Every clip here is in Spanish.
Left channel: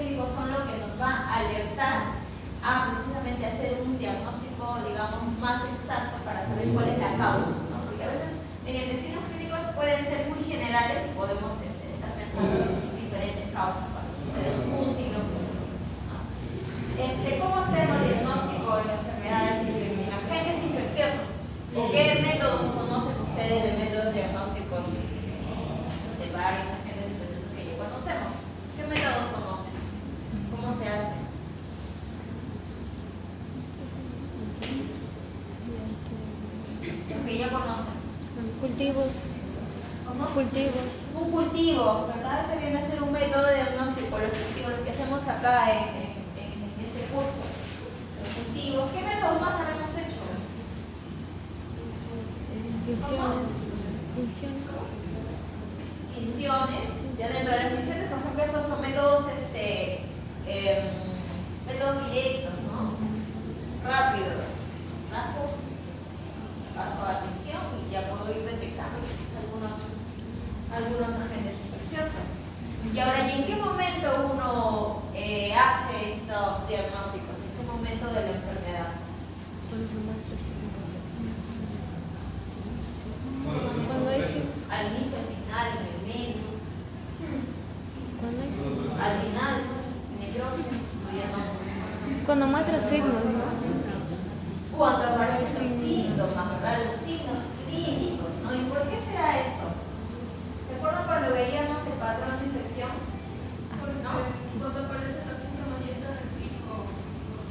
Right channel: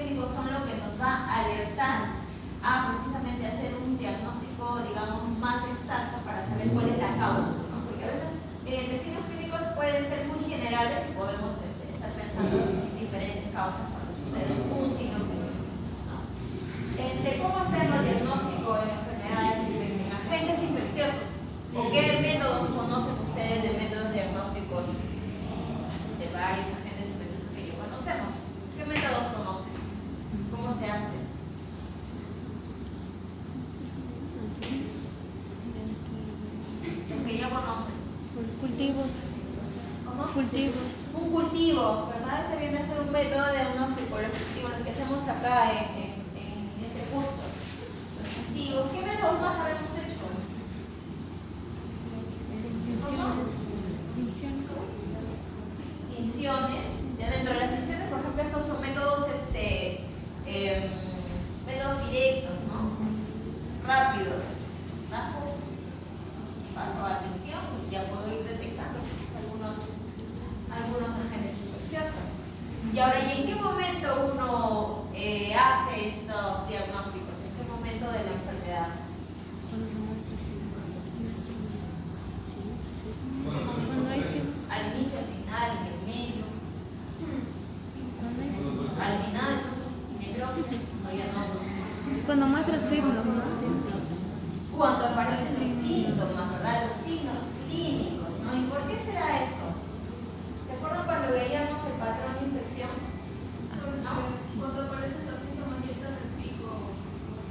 clínicos son lo que nos va a alertar a precisamente hacer un diagnóstico, digamos, más exacto para saber cuál es la causa, ¿no? Porque a veces mediante signos clínicos pueden ser muy generales y podemos estar pensando en diferentes causas para suceder un signo clínico, ¿no? ¿Cómo hacemos diagnóstico en enfermedades en agentes infecciosos? ¿O qué métodos conocen ustedes de métodos diagnósticos de varios agentes infecciosos que ya conocemos? ¿Qué métodos conocen? ¿Cómo se hace? Los que ya conocen. Cultivos. ¿Cómo? Cultivos. Un cultivo, ¿verdad? Ese viene a ser un método de diagnóstico, los cultivos, los que hacemos acá en este curso. Los cultivos. ¿Qué métodos más habremos hecho? Tinciones. Ya dentro de las tinciones, por ejemplo, estos son métodos, métodos directos, ¿no? Rápidos. Paso a la tinción y ya puedo ir detectando algunos agentes infecciosos. Y ahora, ¿y en qué momento uno hace estos diagnósticos? ¿En qué momento de la enfermedad? Al inicio, al final, en el medio. Al final, en el otro, no, ya no. Cuando muestra signos, ¿no? Cuando aparecen los síntomas, ¿verdad? Los signos clínicos, ¿no? ¿Y por qué será eso? ¿Se acuerdan cuando veíamos el patrón de infección? ¿No? Cuando aparecen los síntomas y está el pico.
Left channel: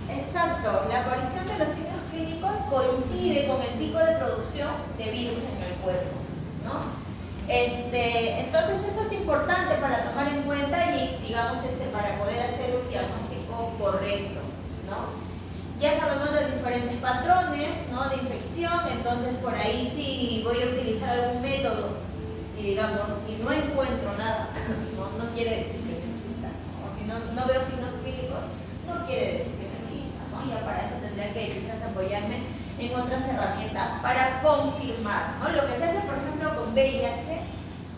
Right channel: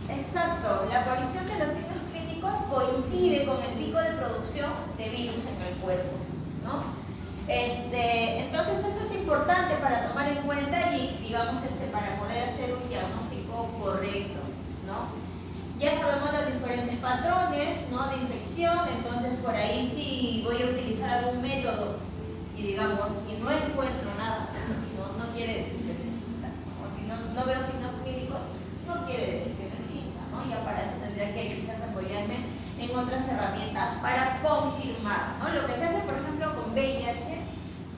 Exacto, la aparición de los signos clínicos coincide con el pico de producción de virus en el cuerpo, ¿no? Entonces eso es importante para tomar en cuenta y, digamos, para poder hacer un diagnóstico correcto, ¿no? Ya sabemos los diferentes patrones, ¿no?, de infección, entonces por ahí si voy a utilizar algún método y, digamos, y no encuentro nada, no quiere decir que no exista, ¿no? O si no veo signos clínicos, no quiere decir que no exista, ¿no? Ya para eso tendré que quizás apoyarme en otras herramientas para confirmar, ¿no? Lo que se hace, por ejemplo, con VIH,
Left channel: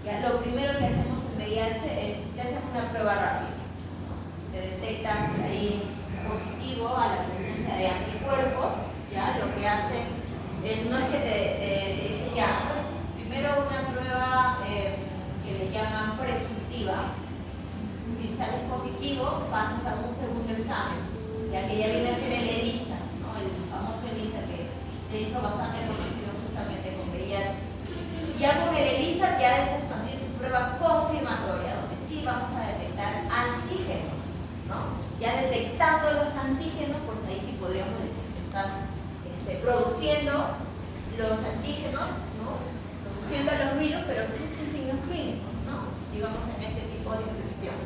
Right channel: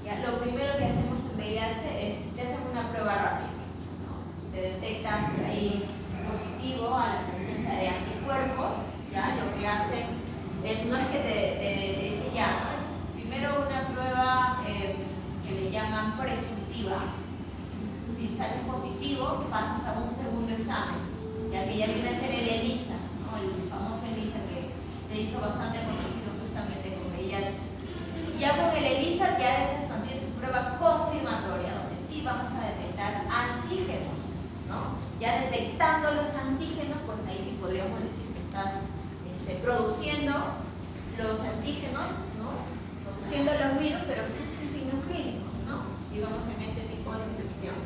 ya, lo primero que hacemos en VIH es te hacen una prueba rápida, ¿no? Si te detectan que hay positivo a la presencia de anticuerpos, ya lo que hacen es, no es que te dicen ya, pues primero una prueba que le llaman presuntiva. Si sales positivo, pasas a un segundo examen, ya que ya viene a ser el ELISA, ¿no? El famoso ELISA que se hizo bastante conocido justamente con VIH. Ya con el ELISA ya es expandir tu prueba confirmatoria, donde sí vamos a detectar antígenos, ¿no? Ya detectando los antígenos, pues ahí sí podríamos decir que estás produciendo los antígenos, ¿no? Produciendo los virus, pero que sí sin signos clínicos, ¿no? Digamos en este tipo de infección,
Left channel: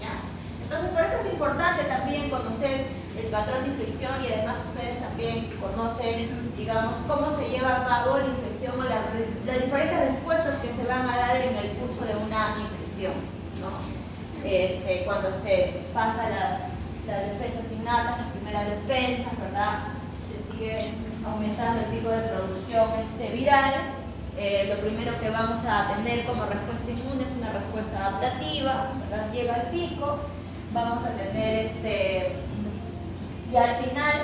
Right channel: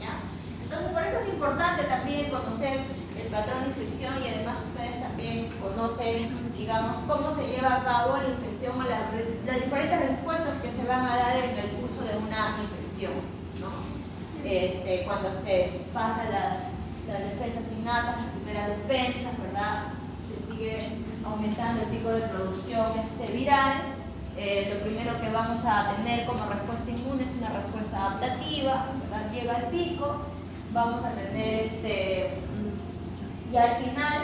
¿ya? Entonces por eso es importante también conocer el patrón de infección y además ustedes también conocen, digamos, cómo se lleva a cabo la infección o las diferentes respuestas que se van a dar en el curso de una infección, ¿no? Cuando se pasan las defensas innatas, las primeras defensas, ¿verdad? Se sigue aumentando el pico de producción viral. Lo primero que vamos a tener como respuesta inmune es una respuesta adaptativa, ¿verdad? Lleva al pico. Vamos a tener y al final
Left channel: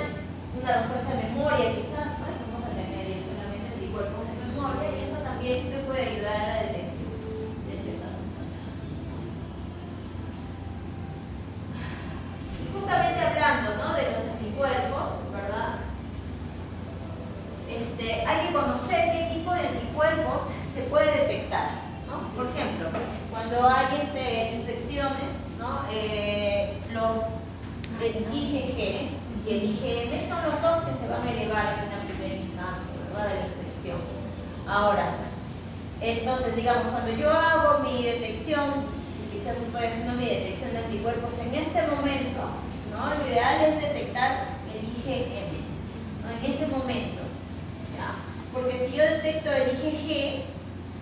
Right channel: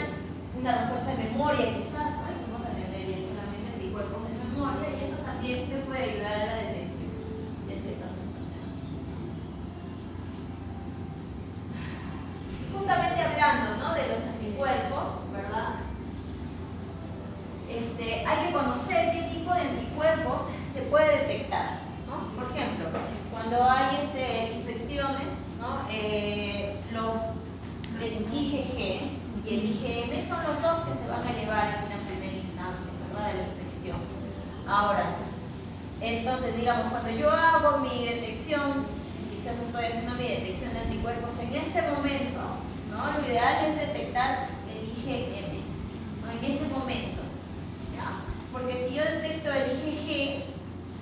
una respuesta de memoria quizás, ¿no? Vamos a tener solamente anticuerpos de memoria y eso también me puede ayudar a la detección de ciertas enfermedades. Justamente hablando, ¿no?, de los anticuerpos, ¿verdad? Hay que conocer qué tipo de anticuerpos se puede detectar, ¿no? Por ejemplo, cuando hay infecciones, ¿no? El IgG y el IgM son los dos que se van a elevar en una primera instancia, ¿verdad?, de la infección. Ahora, entonces, digamos, cuando yo hago mi detección, si quizás estoy haciendo mi detección de anticuerpos en este momento, ¿no?, lo ideal es detectar el IgM, ¿no?, en ese momento, ¿ya? Porque si yo detecto el IgG,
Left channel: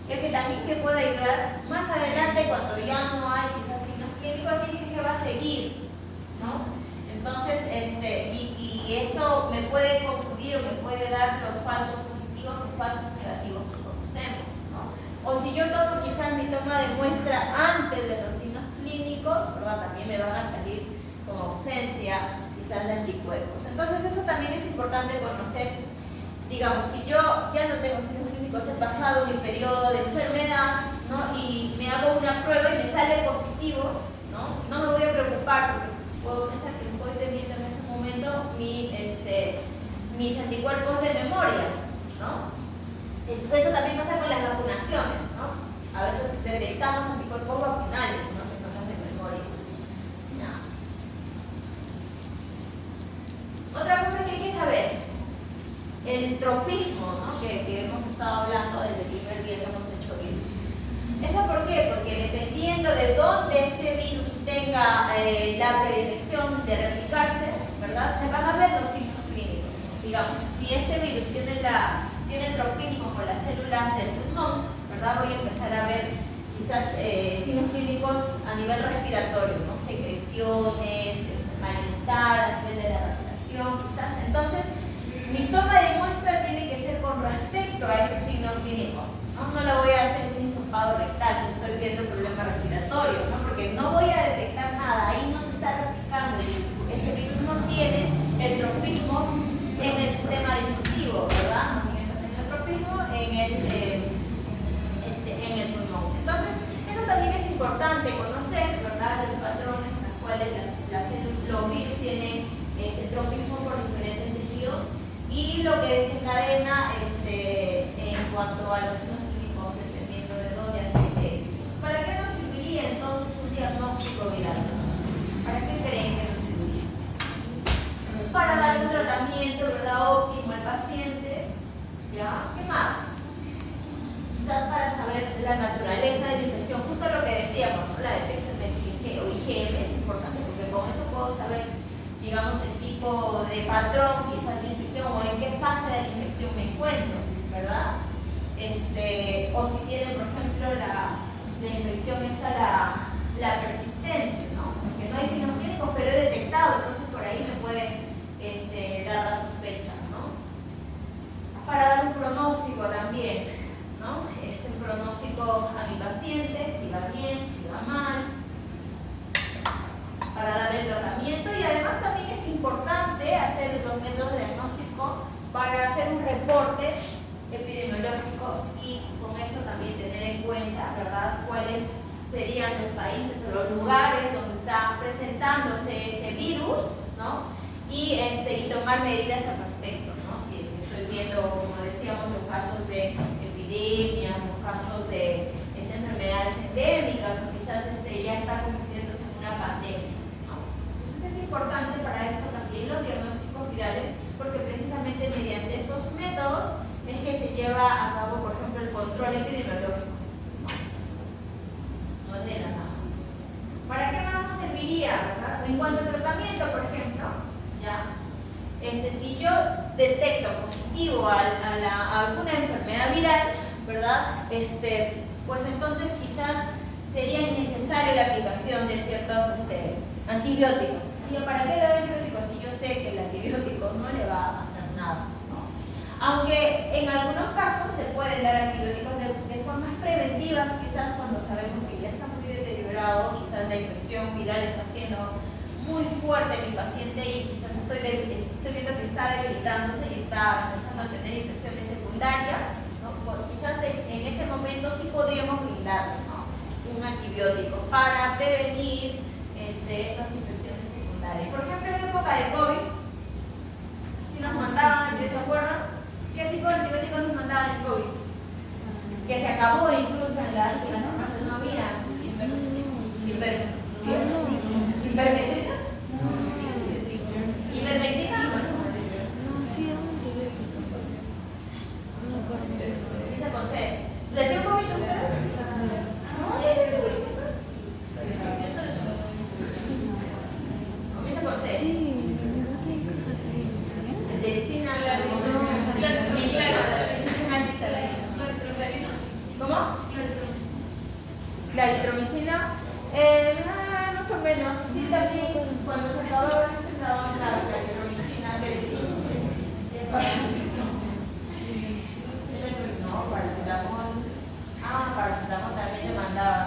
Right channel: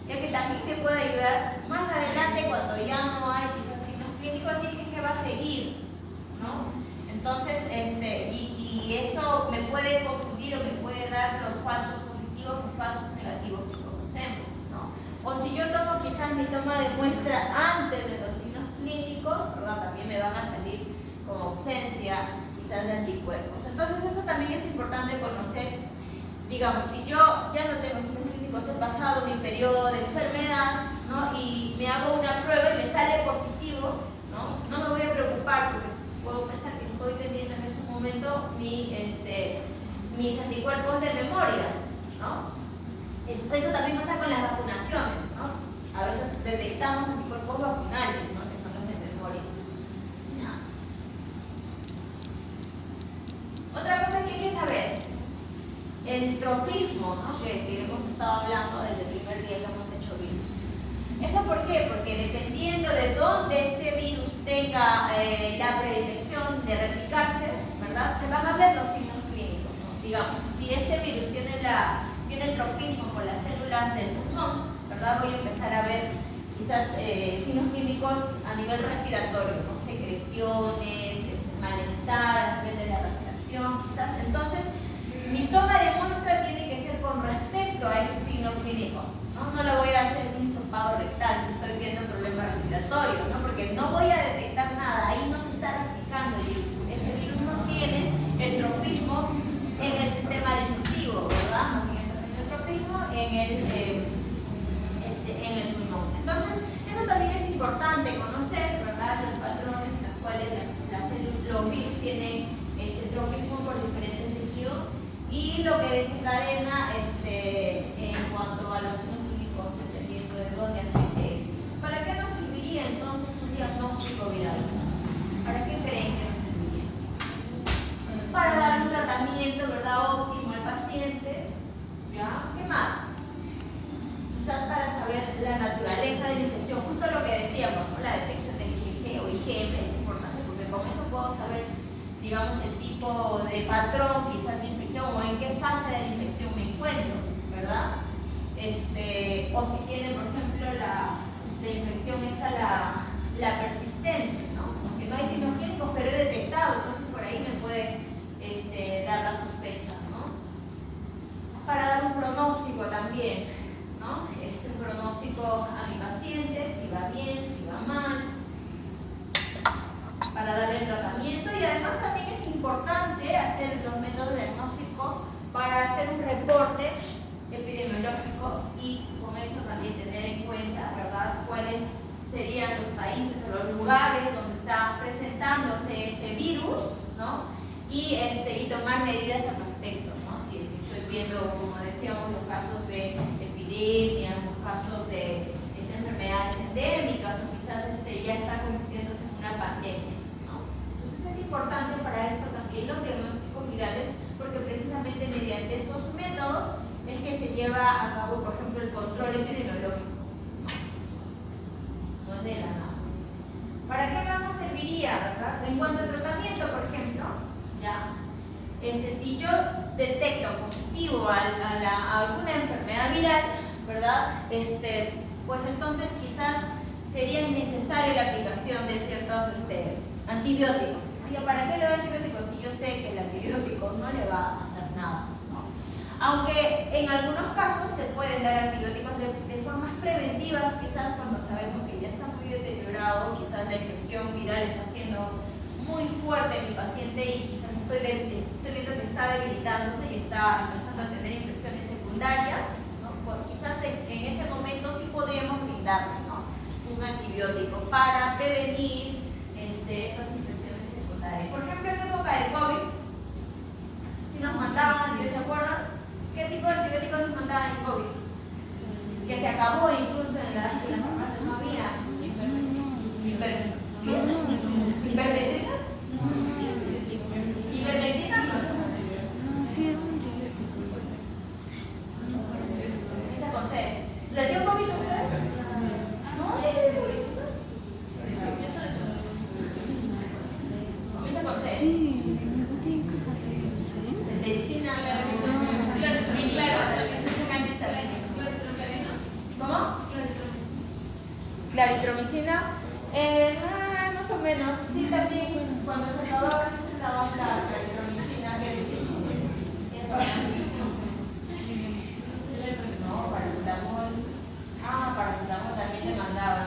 ya que también me puede ayudar más adelante cuando ya no hay quizás signos clínicos, el IgG va a seguir, ¿no? Entonces, y eso me puede confundir o me puede dar los falsos positivos o falsos negativos que conocemos, ¿no? O si yo tomo quizás mi toma de muestra antes de los signos clínicos, ¿verdad?, también me van a salir ausencia quizás de anticuerpos. Entonces eso también es importante conocer. Digamos, si yo ya no tengo signos clínicos, he pasado mi periodo de enfermedad, ¿no? Y me hago una prueba y me sale positivo, no me voy a preocupar porque puedo pensar que estoy teniendo en ese momento mis anticuerpos de memoria, ¿no? Eso también pasa con las vacunaciones, ¿no? A veces detectamos anticuerpos vacunales, ¿no? Que son los de memoria. ¿Ya? Otra cosa que hay que saber, el tropismo, ¿no? que hemos estado hablando desde el primer día que hemos hecho virus. ¿Eso por qué? Porque dependiendo de dónde este virus tenga la predicción de replicarse, ¿verdad? Se van a ver los signos clínicos, ¿no? Digamos, si este virus tiene el tropismo con las células del pulmón, ¿verdad? Voy a empezar a ver quizás signos clínicos a nivel respiratorio, ¿no? Secreciones, malestar a nivel de la respiración, quizás. Entonces, mi toma de muestra tiene que ser con respecto a ese signo clínico. No le voy a hacer un hisopado rectal si estoy viendo el problema respiratorio, ¿no? Porque no voy a detectar nada, ahí no se está replicando el virus. Ese virus no tiene el tropismo en el sistema digestivo, ¿verdad? No tiene el tropismo en el pulmón. Entonces, eso también es importante conocer, ¿verdad? Los patrones en los cuales los virus tienen ese tropismo por diferentes tejidos y lo que desencadena en cuanto a los signos clínicos dependiendo de dónde afecte. ¿Para qué nos serviría entonces un diagnóstico viral? ¿Para qué creen que nos serviría? Para dar un tratamiento, ¿verdad?, óptimo al paciente. ¿Ya? ¿Qué más? Quizás para saber la naturaleza de la infección, justo lo que decíamos, ¿no? La detección del IgG o IgM es importante porque con eso puedo saber, digamos, el tipo de patrón quizás de infección o en qué fase de la infección me encuentro, ¿verdad? O si tiene, por ejemplo, la infección la persistente, ¿no? Que no hay signos clínicos, pero he detectado, entonces por ahí me puede dar la sospecha, ¿no? Para dar un pronóstico también, ¿no? Un pronóstico a mi paciente, si va bien, si va mal, para darle el tratamiento. Y además también es importante hacer los métodos de diagnóstico para hacer un reporte epidemiológico y con eso también tener en cuenta, ¿verdad?, cuáles serían los países o los lugares donde está presentándose ese virus, ¿no? Y tomar medidas al respecto, ¿no? Si estoy viendo, como decíamos, los casos de epidemias, los casos de enfermedades endémicas o quizás ya está convirtiéndose en una pandemia, ¿no? Entonces es importante para eso también los diagnósticos virales porque precisamente mediante estos métodos es que se lleva a cabo, por ejemplo, el control epidemiológico. No de la nada. ¿Para qué más nos serviría, verdad? En cuanto al tratamiento, por ejemplo, ¿ya? Si yo detecto positivo a alguna enfermedad viral, ¿verdad? Pues entonces quizás sería innecesaria la aplicación de ciertos antibióticos. ¿Y para qué le doy antibióticos si yo sé que el antibiótico no le va a hacer nada? Aunque en algunos casos se pueden dar antibióticos de formas preventivas, quizás cuando sabemos que ya está muy deteriorado, quizás la infección viral está siendo muy fuerte en mi paciente y quizás estoy viendo que está debilitándose y está empezando a tener infecciones secundarias, ¿no? Pues quizás en ese momento sí podríamos brindarle, ¿no?, un antibiótico para prevenir estas infecciones secundarias. Por ejemplo, en época de COVID, si nos mandaban, ¿se acuerdan? ¿Qué tipo de antibióticos nos mandaban en COVID? Que se acabó incluso en las farmacias, no había ivermectinas. ¿Ivermectina? No, sí, es un antibiótico. No conozco. Esa cosa. ¿Les dio COVID a ustedes? No, esa cosa. Sí, no tiene cajas de Medicina, ¿cómo? Claritromicina, más o menos, sí, también cuando se acababa la claritromicina, que no, paracetamol. Paracetamol también le mandaba.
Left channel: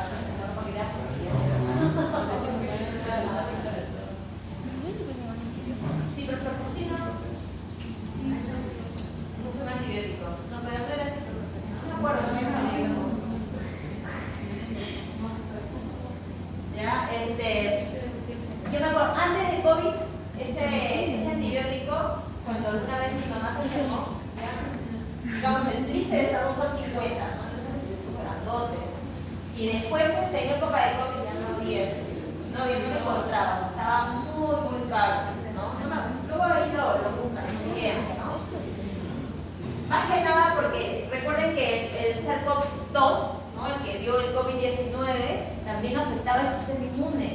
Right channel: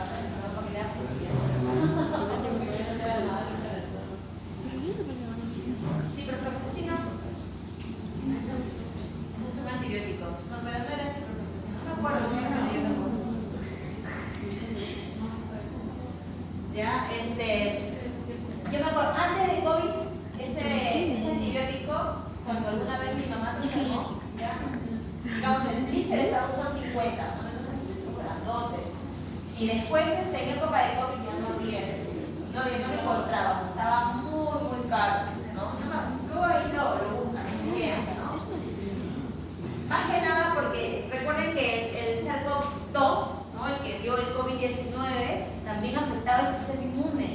ese antibiótico, cuando alguna vez mi mamá se enfermó, ¿ya? Digamos, el blister estaba usando 50, ¿no? Entonces antibióticos grandotes. Y después, en época de COVID, ya no había ese antibiótico, no lo encontrabas, estaba muy caro, ¿no? Luego ahí lo buscan, lo vean, ¿no? Más que nada porque recuerden que el SARS-CoV-2, ¿no? El que dio el COVID-19, también afectaba el sistema inmune,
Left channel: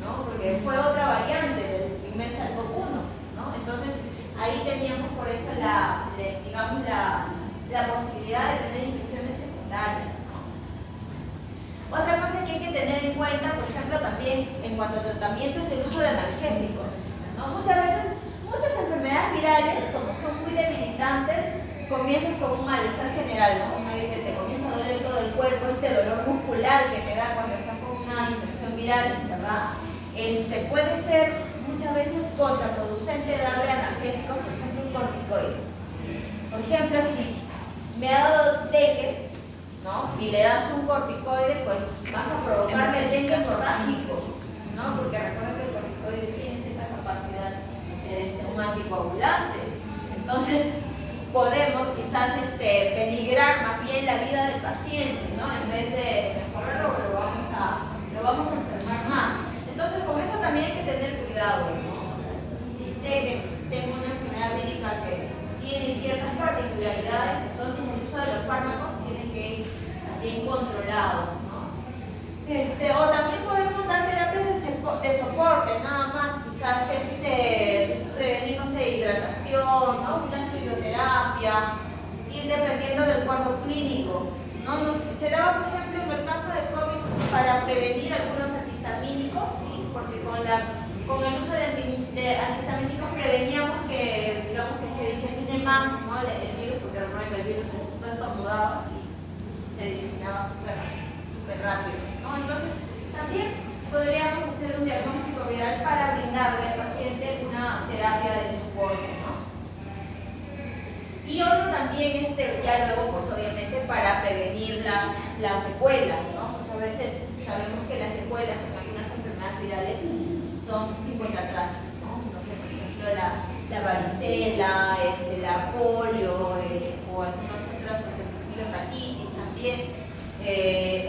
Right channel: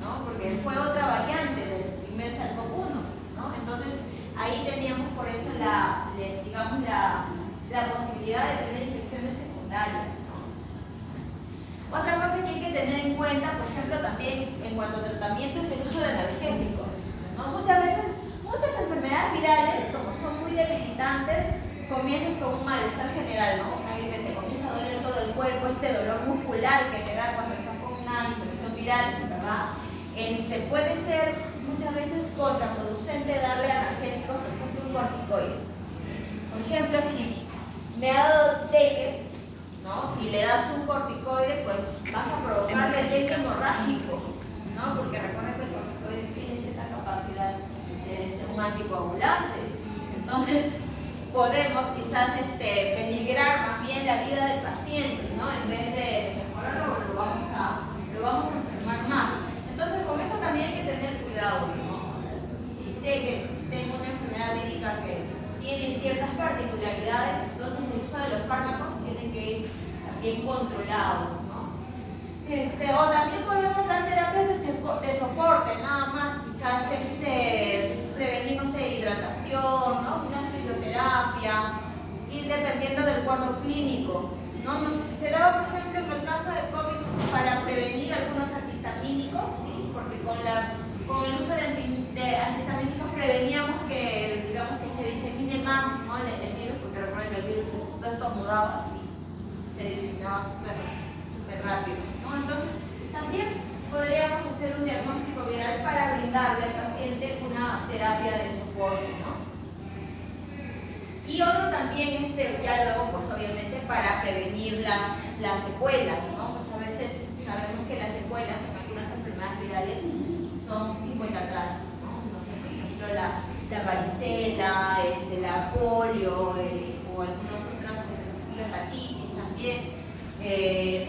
¿no? Porque fue otra variante del primer SARS-CoV-1, ¿no? Entonces, ahí teníamos por eso digamos, la posibilidad de tener infecciones secundarias, ¿no? Otra cosa que hay que tener en cuenta, por ejemplo, también en cuanto a tratamiento es el uso de analgésicos, ¿no? Muchas veces, muchas enfermedades virales, como son muy debilitantes, comienzas con un malestar general, ¿no? Una vez que te comienza a doler todo el cuerpo, este dolor muscular que te da cuando estás con una infección viral, ¿verdad? Puede ser muchas veces contraproducente darle analgésicos, por ejemplo, un corticoide. Por ejemplo, si me ha dado dengue, ¿no? Y le das un corticoide, pues vas a provocarle el dengue hemorrágico, ¿no? Porque recuerda que el corticoide tiene cierta capacidad de ser un anticoagulante. Entonces, podemos quizás peligrar más bien la vida del paciente, ¿no? En vez de mejorarlo, lo vamos a enfermar más. Entonces, con eso también hay que tener cuidado, ¿no? Si sé que tengo una enfermedad vírica que tiene ciertas particularidades, entonces el uso de los fármacos tiene que ir también controlado, ¿no? O también podemos dar terapias de soporte, nada más, quizás prevenir, no sé, hidratación, ¿no? Una fisioterapia, ir dependiendo del cuadro clínico, ¿no? Se daba, por ejemplo, en el caso de COVID para prevenir algunos antihistamínicos, ¿sí? Porque con el uso de antihistamínicos preveníamos que, digamos, que se disemine más, ¿no? el virus, porque recuerden que el virus tú estornudabas y se diseminaba súper rápido, ¿no? Entonces, también podríamos hacer un diagnóstico viral para brindarle al paciente una terapia de soporte, ¿no? Y otro también, ya luego, pues obviamente para prevenir las secuelas, ¿no? Muchas veces sabemos que las secuelas en algunas enfermedades virales son 50 atrás, ¿no? No sé, por ejemplo, la varicela, la polio, o algunas otras, la hepatitis también,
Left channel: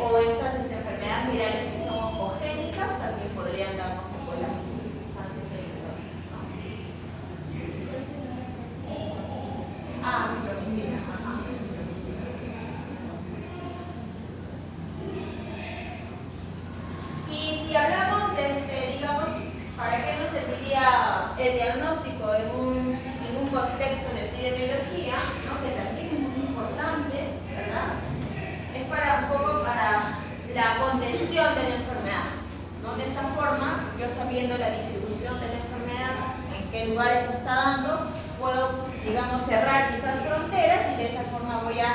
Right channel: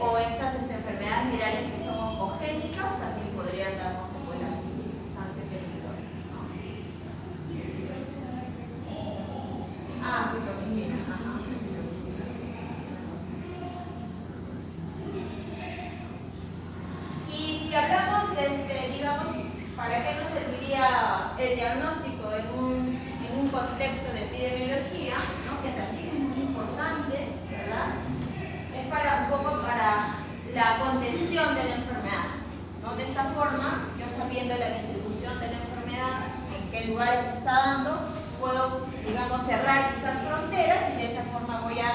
o estas enfermedades virales que son congénitas también podrían darnos secuelas bastante peligrosas, ¿no? Ah, sí, pero sí. Ajá. Y si hablamos digamos, ¿para qué nos serviría el diagnóstico en un contexto de epidemiología, ¿no? Que también es muy importante, ¿verdad? Es un poco para la contención de la enfermedad, ¿no? De esta forma, yo sabiendo la distribución de la enfermedad, en qué lugares se está dando, puedo, digamos, cerrar quizás fronteras y de esa forma voy a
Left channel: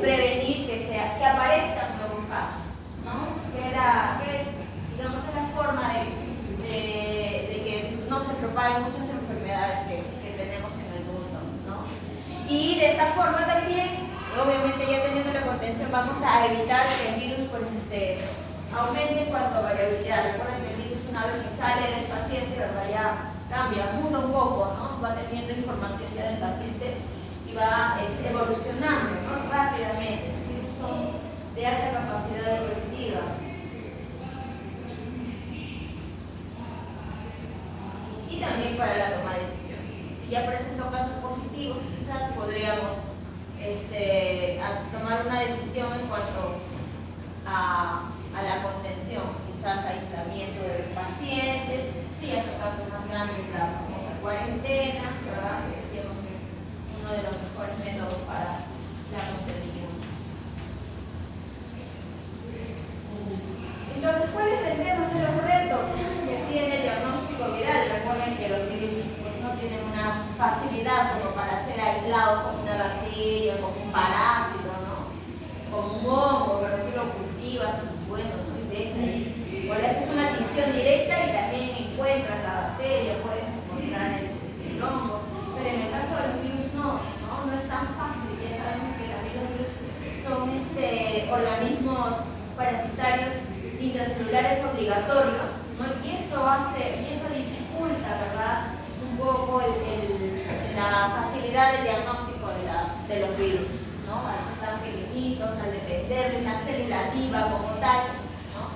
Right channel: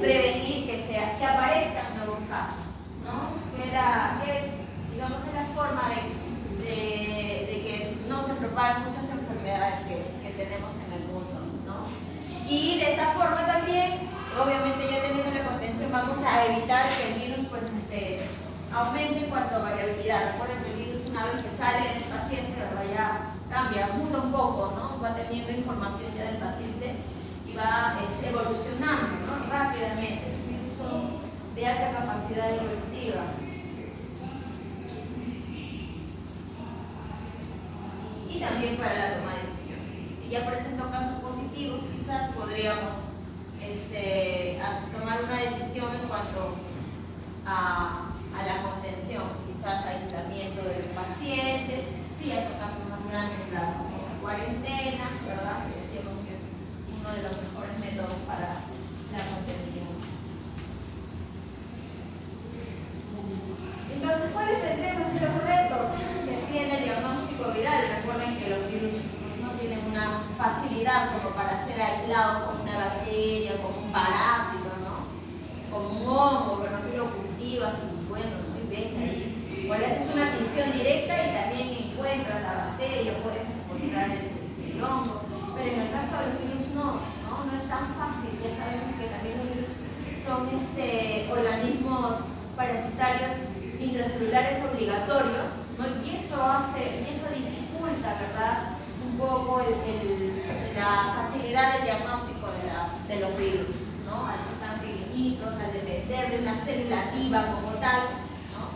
prevenir que aparezcan nuevos casos, ¿no? Que es, digamos, la forma de que no se propaguen muchas enfermedades que tenemos en el mundo, ¿no? Y de esta forma también, obviamente ya teniendo la contención, vamos a evitar que el virus pues, aumente en cuanto a variabilidad. Recuerden que el virus, una vez que sale del paciente, ¿verdad? Ya cambia, muda un poco, ¿no? Va teniendo información ya del paciente y va evolucionando, ¿no? Rápidamente. Los virus son de alta capacidad evolutiva. Y también para la toma de decisiones. Si ya presento casos positivos, quizás podríamos tomar una decisión en cuanto a la contención, quizás aislamiento de pacientes, si ya son casos más grandes, la cuarentena, ¿verdad? Que decíamos que es uno de los mejores métodos para la contención. Entonces, ¿cuáles tendrían que ser los retos que tiene el diagnóstico viral? Recuerden que los virus no tienen una facilidad como para ser aislados como una bacteria, como un parásito, ¿no? Como un hongo, pero tú lo cultivas y bueno, y ves ahí. O le haces una tinción directa y también encuentras la bacteria, puedes encontrar el hongo. Pero en el caso de los virus no es tan fácil. Ya sabemos que también los virus son organismos parasitarios intracelulares obligatorios, ¿no? Y eso dificulta, ¿verdad?, de los virus, ¿no? Al ser tan pequeñitos, al depender de una célula viva como tal, ¿no?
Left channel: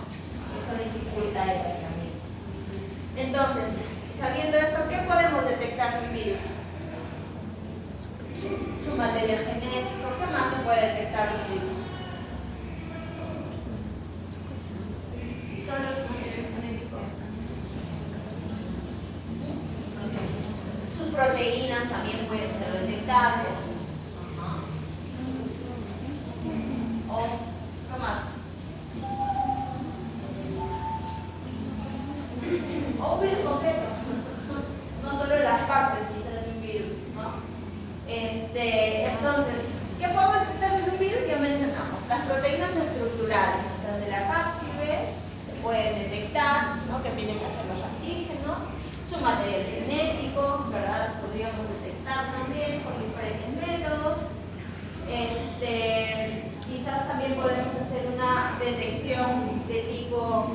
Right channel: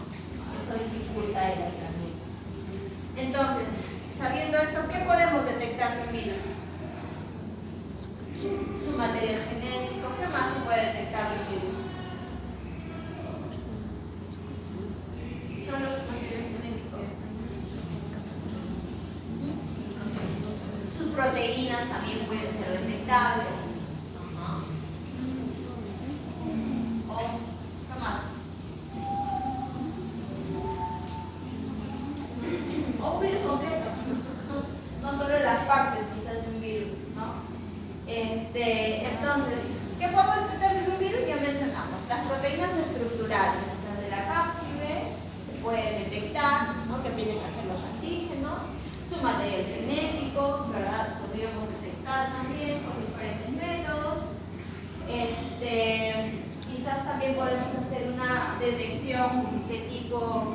Eso dificulta el aislamiento. Entonces, sabiendo esto, ¿qué podemos detectar de un virus? Su material genético. ¿Qué más se puede detectar de un virus? Solo su material genético. Sus proteínas también pueden ser detectables. ¿O qué más? O un virus completo. No solo las partes quizás de un virus, ¿no? Entonces, ¿qué podemos detectar de un virus? Ya mencionamos. Las proteínas estructurales, o sea, de la cápside, se pueden detectar, ¿no? Que tienen que hacer los antígenos. Su material genético, ¿verdad? Podríamos detectar también con diferentes métodos. Quizás también podemos hacer una detección de tipo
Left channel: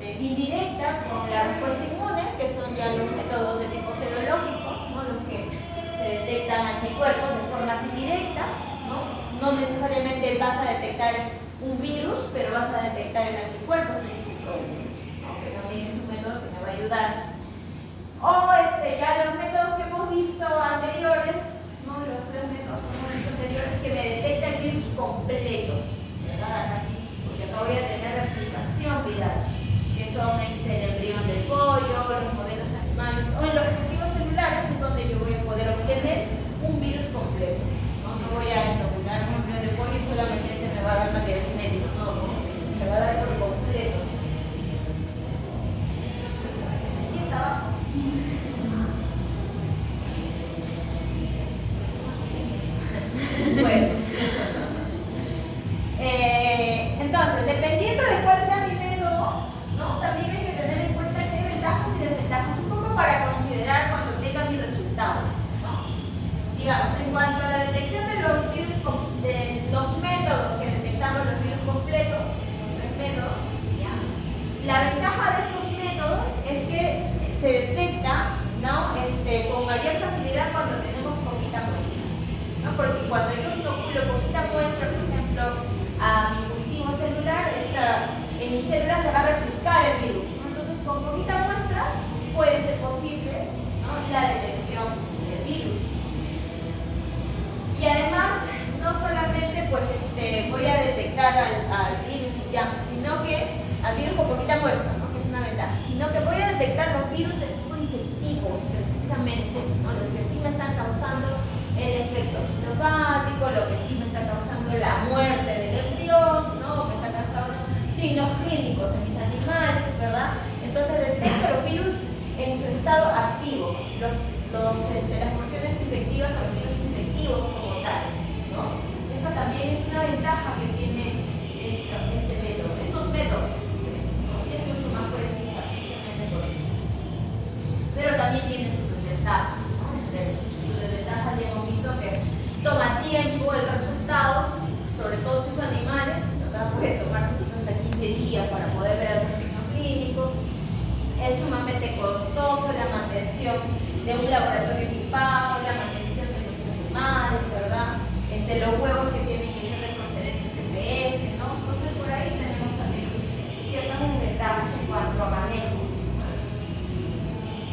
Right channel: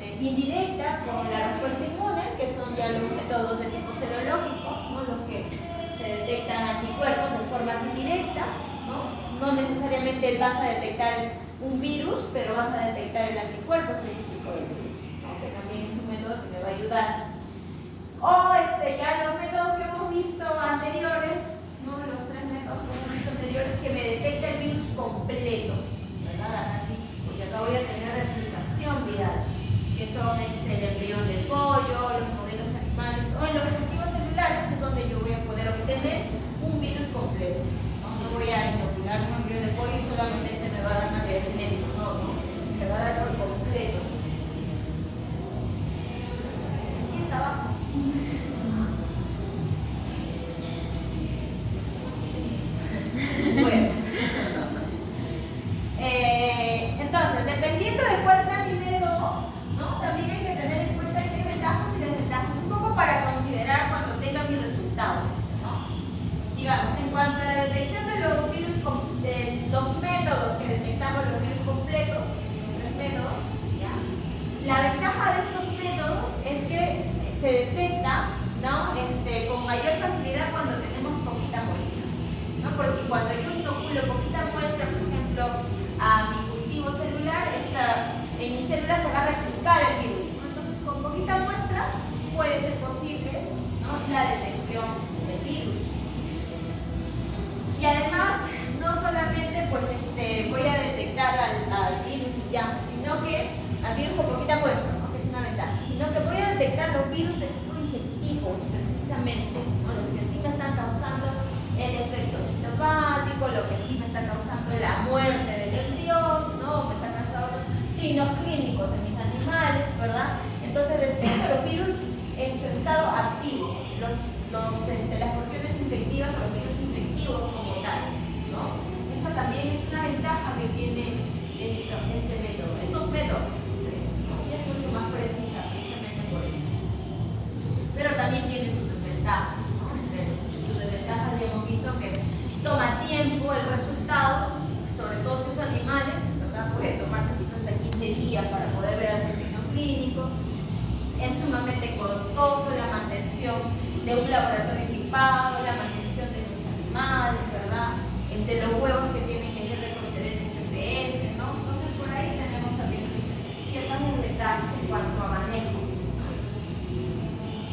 indirecta con la respuesta inmune, que son ya los métodos de tipo serológico, ¿no? Los que se detectan anticuerpos de formas indirectas, ¿no? No necesariamente vas a detectar un virus, pero vas a detectar el anticuerpo específico del virus, ¿no? Que también es un método que me va a ayudar. O ya los métodos que hemos visto anteriores, ¿no? Los 3 métodos que hemos visto anteriores, que me detecta el virus completo, ¿verdad? Así, porque acá voy a tener replicación viral, que son el embrión del pollo, los modelos animales, o en los reactivos celulares es donde yo voy a poder obtener un virus completo. No voy a inocular un embrión de pollo y solamente me va a dar material genético, no, me va a dar por completo. ¿Qué está abajo? Bueno. Entonces, dependiendo de cuál sea mi método, ¿no? También hay que tener en cuenta que hay ventajas y desventajas, un poco para considerar cuando tenga mi resultado, ¿no? Y vamos, en cuanto a la detección de los virus, de los métodos que detectamos los virus completos, los 3 métodos, ¿ya? La ventaja de estos métodos es que se detecta, ¿no? Con mayor facilidad cuando tenemos poquita muestra, ¿no? Porque cuando yo inoculo poquita muestra, por ejemplo, a mi cultivo celular, en mi célula se va a replicar el virus, ¿no? Entonces, con poquita muestra puede ser posible, ¿no? La detección del virus. Y además, no solamente pues, voy a detectar al virus y ya, sino que al virus con poquita muestra, ¿no? Que es una ventaja, sino que voy a detectar los virus de tipo infectivos, precisamente, ¿no? Los que sí me están causando el efecto sinopático, lo que sí me está causando la muerte del embrión, ¿no? Me está causando signos clínicos en mis animales, ¿verdad? Entonces detecto los virus en su estado activo, las porciones infectivas o los virus infectivos como tal, ¿no? Esa también es una ventaja que tiene este método, estos métodos, ¿no? Y es mucho más precisa, precisamente por eso. Pero también tiene sus desventajas, ¿no? Entre sus desventajas ya hemos visto que toma tiempo el resultado, sobre todo si son animales, ¿verdad? Puede tomarse quizás hasta 15 días para poder ver algún signo clínico. Es sumamente costoso la mantención de un laboratorio equipado, la mantención de los animales, ¿verdad? Los huevos que tienen que ser de procedencia CPF, ¿no? Entonces por ahí tenemos también ciertas desventajas en cuanto a manejo.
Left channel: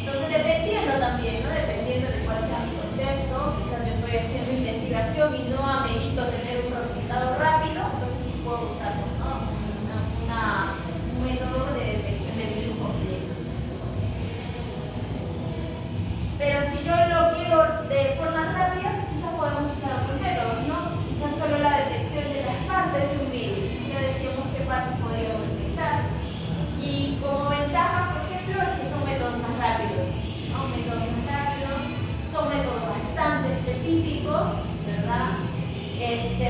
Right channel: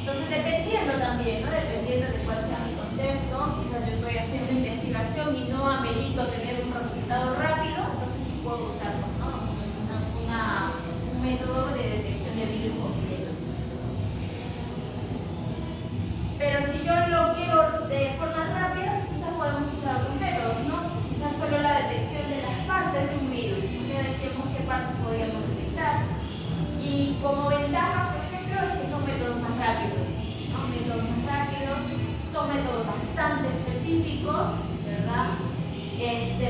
Entonces dependiendo también, ¿no? Dependiendo de cuál sea mi contexto, quizás yo estoy haciendo investigación y no amerito tener un resultado rápido, entonces sí puedo usar, ¿no? Un método de detección de virus completo. Pero si yo lo quiero de forma rápida, quizás podemos usar otros métodos, ¿no? Quizás solo la detección de las partes de un virus. Ya decíamos qué partes podríamos detectar. Y como ventaja, por ejemplo, es que son métodos más rápidos, ¿no? Métodos más rápidos, son métodos bastante específicos, ¿verdad?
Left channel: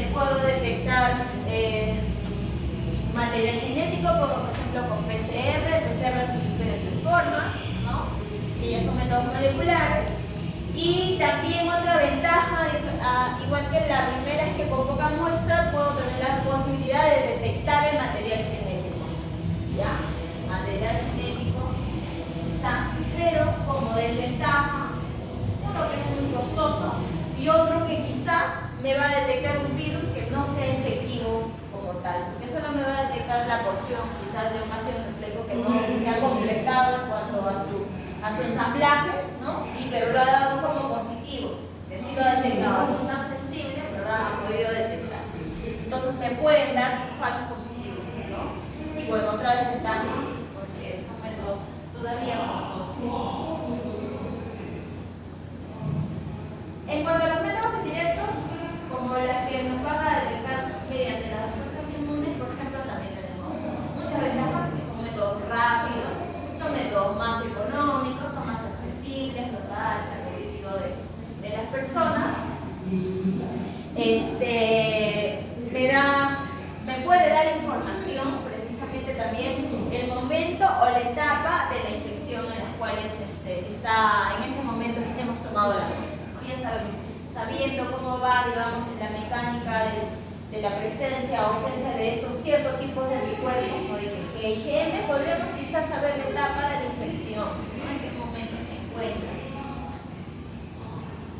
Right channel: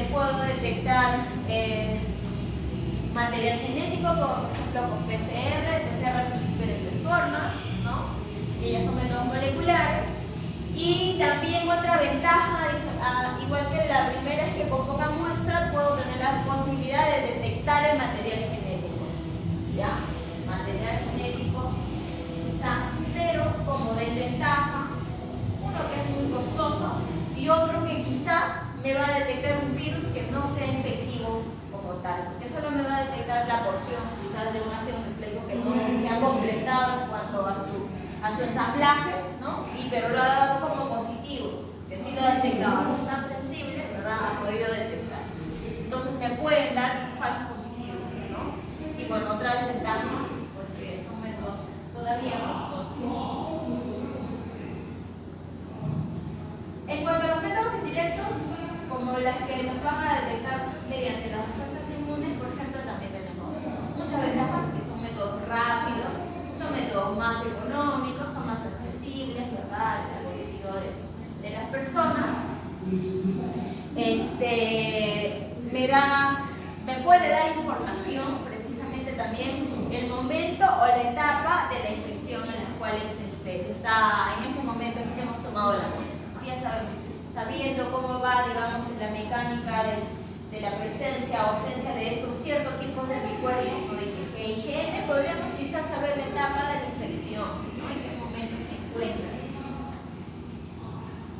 Puedo detectar material genético, por ejemplo, con PCR. PCR son diferentes formas, ¿no? Que ya son métodos moleculares. Y también otra ventaja, igual que la primera, es que con poca muestra puedo tener la posibilidad de detectar el material genético, ¿ya? Material genético, quizás, pero como desventaja, uno que es muy costoso y y otro que quizás me va a detectar un virus que no sea infectivo como tal, porque solo me va a detectar la porción quizás de un ácido nucleico que no se ha completado en cuanto a su ensamblaje, ¿no? Pero lo ha dado como positivo, que sí lo ha detectado, no es tan sensible, ¿verdad? Ha podido detectar. Entonces me pueden dar falsos positivos, ¿no? Y bueno, otra desventaja, pues que son métodos todavía costosos. En cuanto a los métodos indirectos, como las que nos van a detectar mediante las respuestas inmunes, por ejemplo, también tenemos muchas ventajas, que son métodos rápidos, son métodos más económicos, son más accesibles, ¿verdad? Al bolsillo de las personas. Me puede dar información, precisamente también, el momento o la etapa de la infección en las cuales está, en ese momento hemos tomado la muestra. Ya sabiendo cómo va, digamos, la mecánica de la presencia o ausencia de estos ciertos tipos de anticuerpos, ¿no? De IgM, podríamos quizás saber la etapa de la infección, ¿no? En qué momento se encuentra.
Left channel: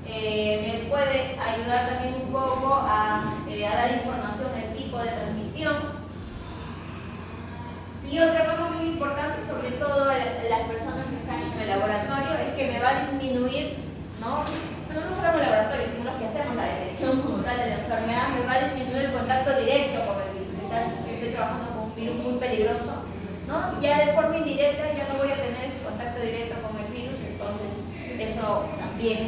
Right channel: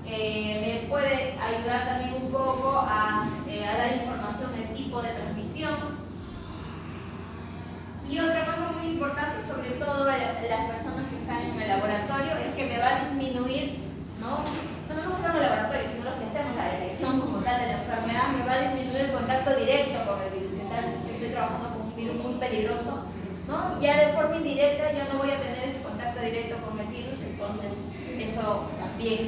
Me puede ayudar también un poco a dar información del tipo de transmisión. Y otra cosa muy importante, sobre todo las personas que están en el laboratorio, es que me va a disminuir, ¿no? Bueno, no solo en el laboratorio, sino los que hacemos la detección como tal de la enfermedad, me va a disminuir el contacto directo con el virus. Yo estoy trabajando con un virus muy peligroso, ¿no? Ya de forma indirecta ya no voy a tener ese contacto directo con el virus, entonces eso también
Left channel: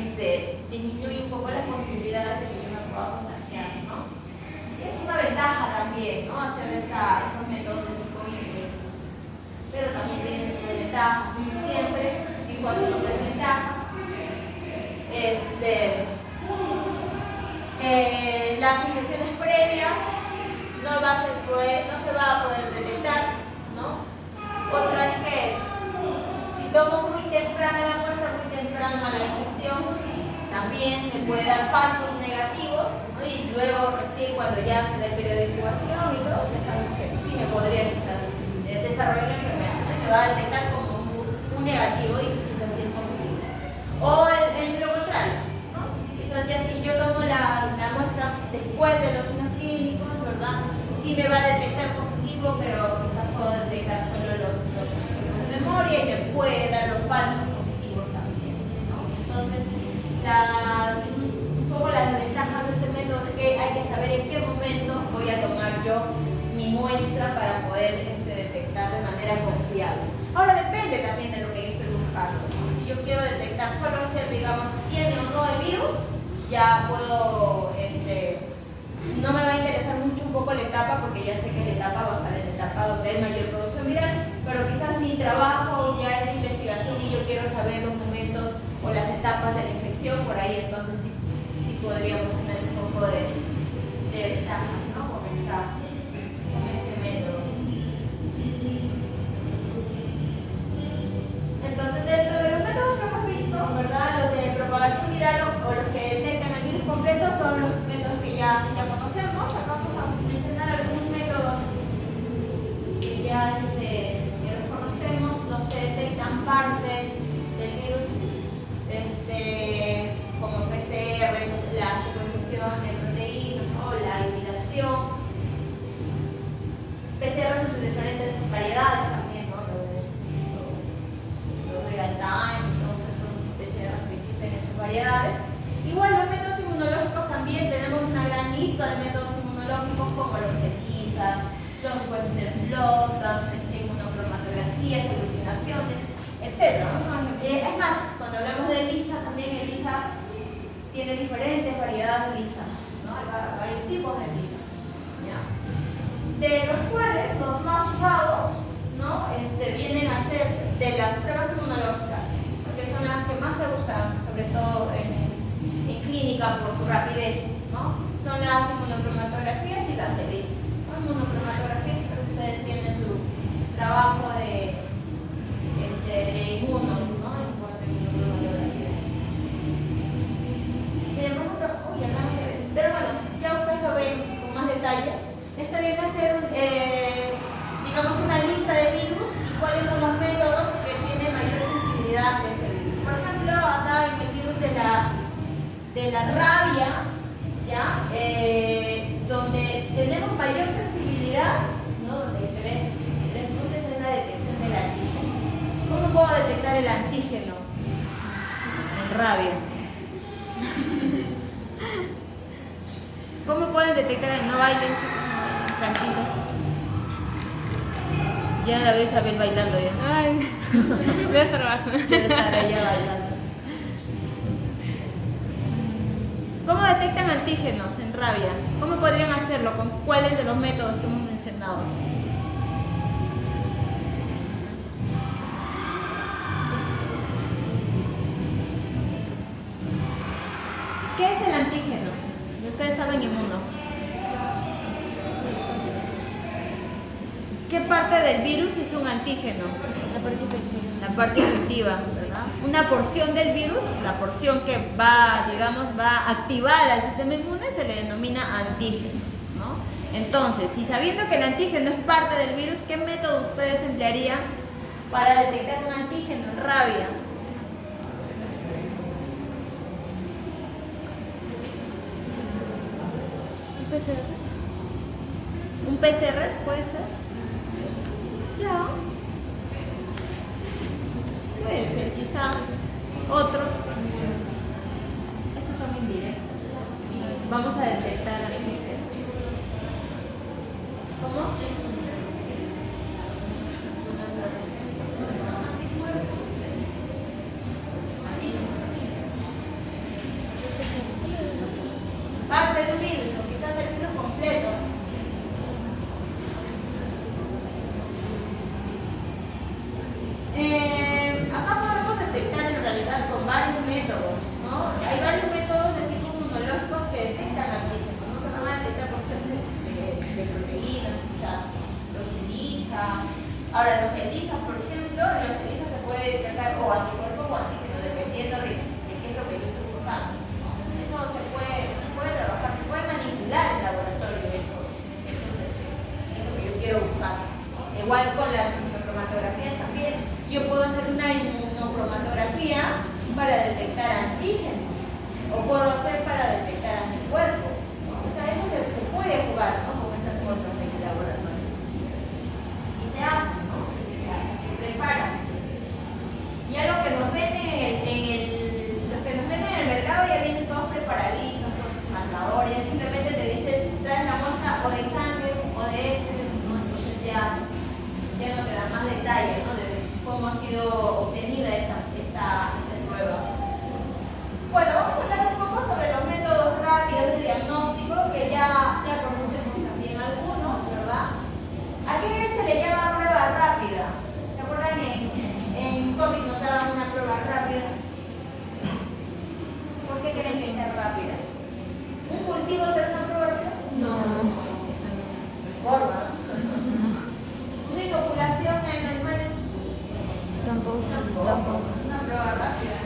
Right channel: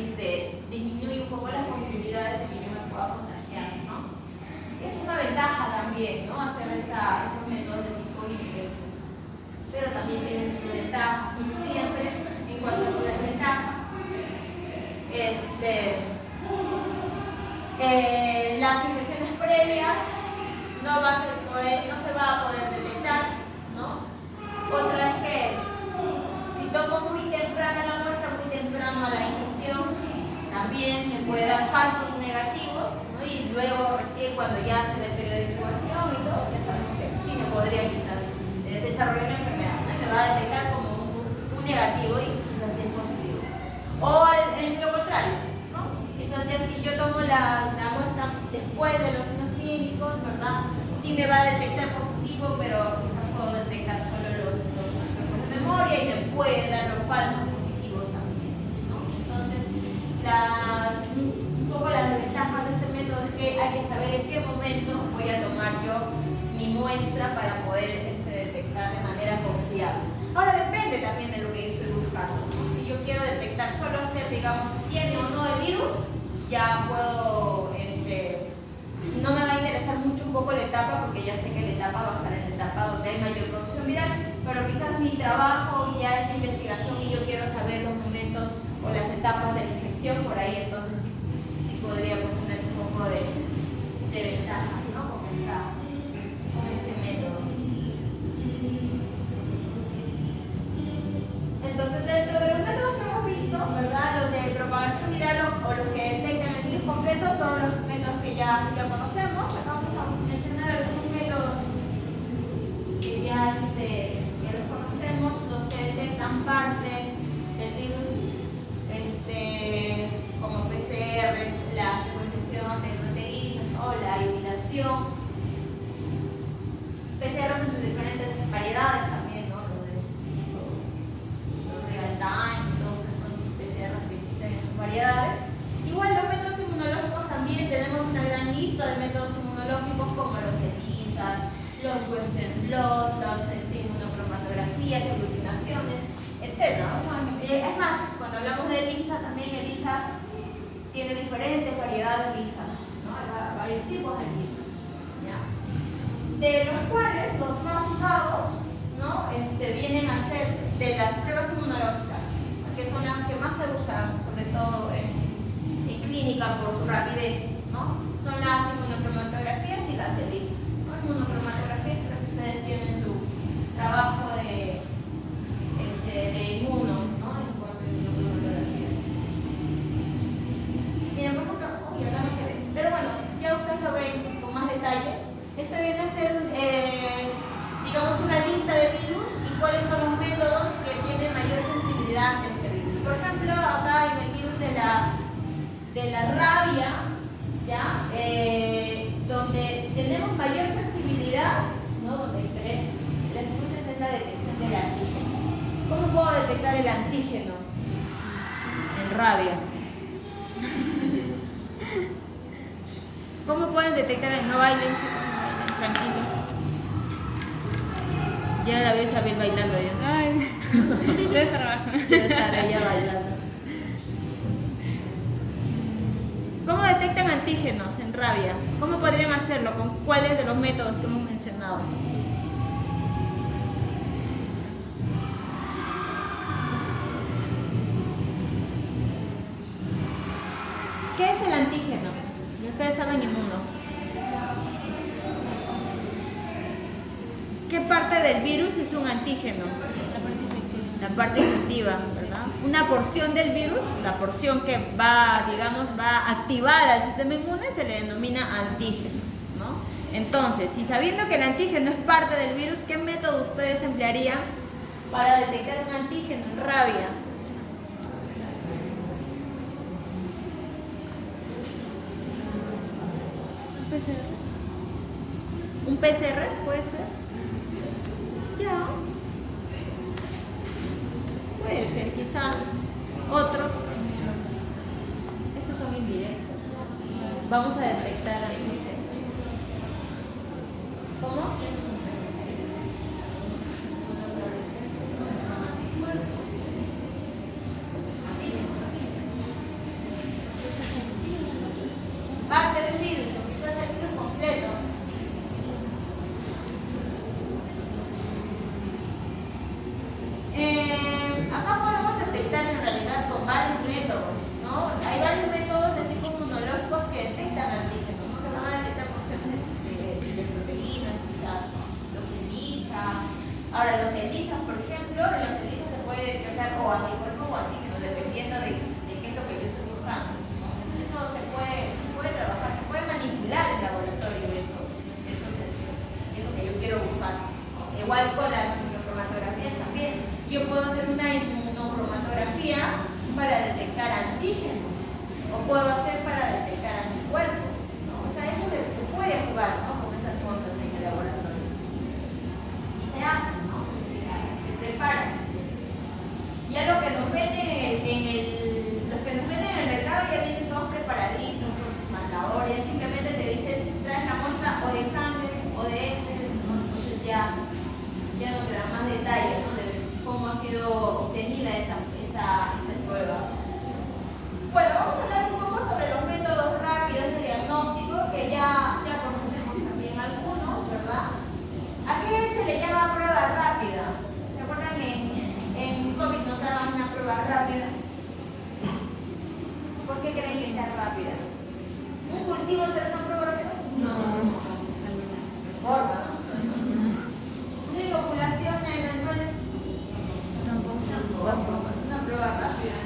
disminuye un poco las posibilidades de que yo me pueda contagiar, ¿no? Es una ventaja también, ¿no? Hacer estos métodos de tipo indirecto. Pero también tiene su desventaja, siempre, en cuanto a su desventaja. Las infecciones previas no se va a poder detectar, ¿no? Otra es que si tomo muy temprano la muestra, muy temprano la infección, también me puede dar falsos negativos, ¿no? Y luego recién cuando ya se da el periodo de incubación y todo, ya sabemos que sí me podría quizás desarrollar una enfermedad, ¿no? Me va a detectar como un negativo y quizás sí es positivo. O lo contrario, ¿no? Quizás ya si yo tomo la muestra después de los signos clínicos, ¿verdad? Sí me va a detectar positivo, pero quizás puedo detectar solo los anticuerpos de memoria y me puede dar los falsos positivos también, ¿no? Entonces, un poco las desventajas de este método es que hay que saber en qué momento voy a tomar yo mi muestra para poder detectar de manera confiable. Ahora depende también de lo que yo estoy buscando. Si yo quiero detectar solo hacer, digamos, si tiene o no el virus, ya puedo, no me va a interesar mucho un poco la etapa, porque ya sé que la etapa va a estar en la etapa donde hay mayor producción viral, pero quizás mi trabajo ya es de investigación y yo quiero saber los momentos o las etapas de la infección, por ahí entonces sí podríamos tener un poco de ventaja, ¿no? Con este método. Entonces, dentro de los métodos que hemos visto, ¿verdad? Los de propagación viral o los que detectan el virus completo son los métodos que ya conocemos. Acá vamos a mencionar algunos métodos que ya los conocemos, los que detectan parte del virus, como PCRs, la secuenciación de proteínas o la hibridación. PCRs en sus diferentes variedades también, ¿no? Los real time, todos estos PCRs que existen en sus variedades. Igual los métodos inmunológicos también tenemos una gran lista de métodos inmunológicos como los ELISA, los Western blot, las inmunocromatografías, aglutinaciones, etc. Es más, cuando hablamos de ELISA, también ELISA tiene diferentes variedades de ELISA, ¿no? Hay varios tipos de ELISA, ¿ya? De los cuales los más usados, ¿no? Vienen a ser de las pruebas inmunológicas, porque son las que más se usan, sobre todo en clínica por su rapidez, ¿no? Son las inmunocromatografías y las ELISA, ¿no? Inmunocromatografía, creo que ustedes tienen su trabajo de inmuno, ¿no? En cuanto a inmunocromatografías. Bien, por ejemplo, acá no se ve, pero bueno, ya ustedes lo ven con más detalle. Esto viene a ser, digamos, una puedo detectar el antígeno en rabia? ¿Cómo pueden detectar el no bailen, chicos? No bailen, tranquilos. Ya la veo Isabel bailando ya. Ay, debe trabajo. Debe estar ella bailando. ¿Cómo detectan antígenos en rabia? ¿Cómo podrían hacerlo? ¿Con cuáles de los métodos que hemos mencionado? ¿Qué es el antígeno? Ustedes saben inmuno. ¿Qué parte del virus es un antígeno? La parte efectiva, ¿verdad? Una porción del virus, la porción que va, digamos, va a activar al sistema inmune, se le denomina antígeno, ¿no? Entonces, si sabiendo que el antígeno es parte del virus, ¿qué método ustedes emplearían para detectar un antígeno en rabia? ¿Un PCR puede ser? Ya. Puede ser, quizás. Otros. Esos son indirectos. Vamos a detectar antígenos. ¿Cómo? Parte del virus, o quizás el virus completo. Acá podemos detectar en realidad con varios métodos, ¿no? Hay varios métodos de tipo inmunológicos que detectan antígenos, ¿no? Que van a detectar porciones de proteínas, quizás, ¿no? Los ELISA. Ahora, los ELISA, por ejemplo, en los ELISA se puede detectar o anticuerpos o antígenos, dependiendo de qué es lo que yo estoy buscando, ¿no? Eso se puede trabajar, se puede manipular en laboratorio eso que yo quiero buscar, ¿no? Igual con las inmunocromatografías también. Yo puedo hacer una inmunocromatografía para detectar antígenos o puedo hacer para detectar anticuerpos, ¿no? O sea, eso se puede jugar, ¿no? Con esas cosas en el laboratorio. Y se hace, ¿no? Se prepara. Ya lo que nos meten los que nos meten en el mercado ya vienen todos preparaditos con sus marcadores, simplemente te dicen, traes la muestra o de sangre o de heces, ¿no? Entonces ya no te da más detalles, ¿no? De cómo ha sido obtenida esta prueba. Bueno, vamos a hablar un poco sobre los métodos rápidos de diagnóstico, que ya conocemos también algunos, ¿verdad? ¿A qué se le llama prueba rápida? ¿Se acuerdan en COVID nos daban una prueba rápida? ¿Por qué creen que sea rápida? ¿Un cultivo será una prueba rápida? No. Forma, ¿no? ¿Una inoculación en animales? Tampoco. Una prueba rápida.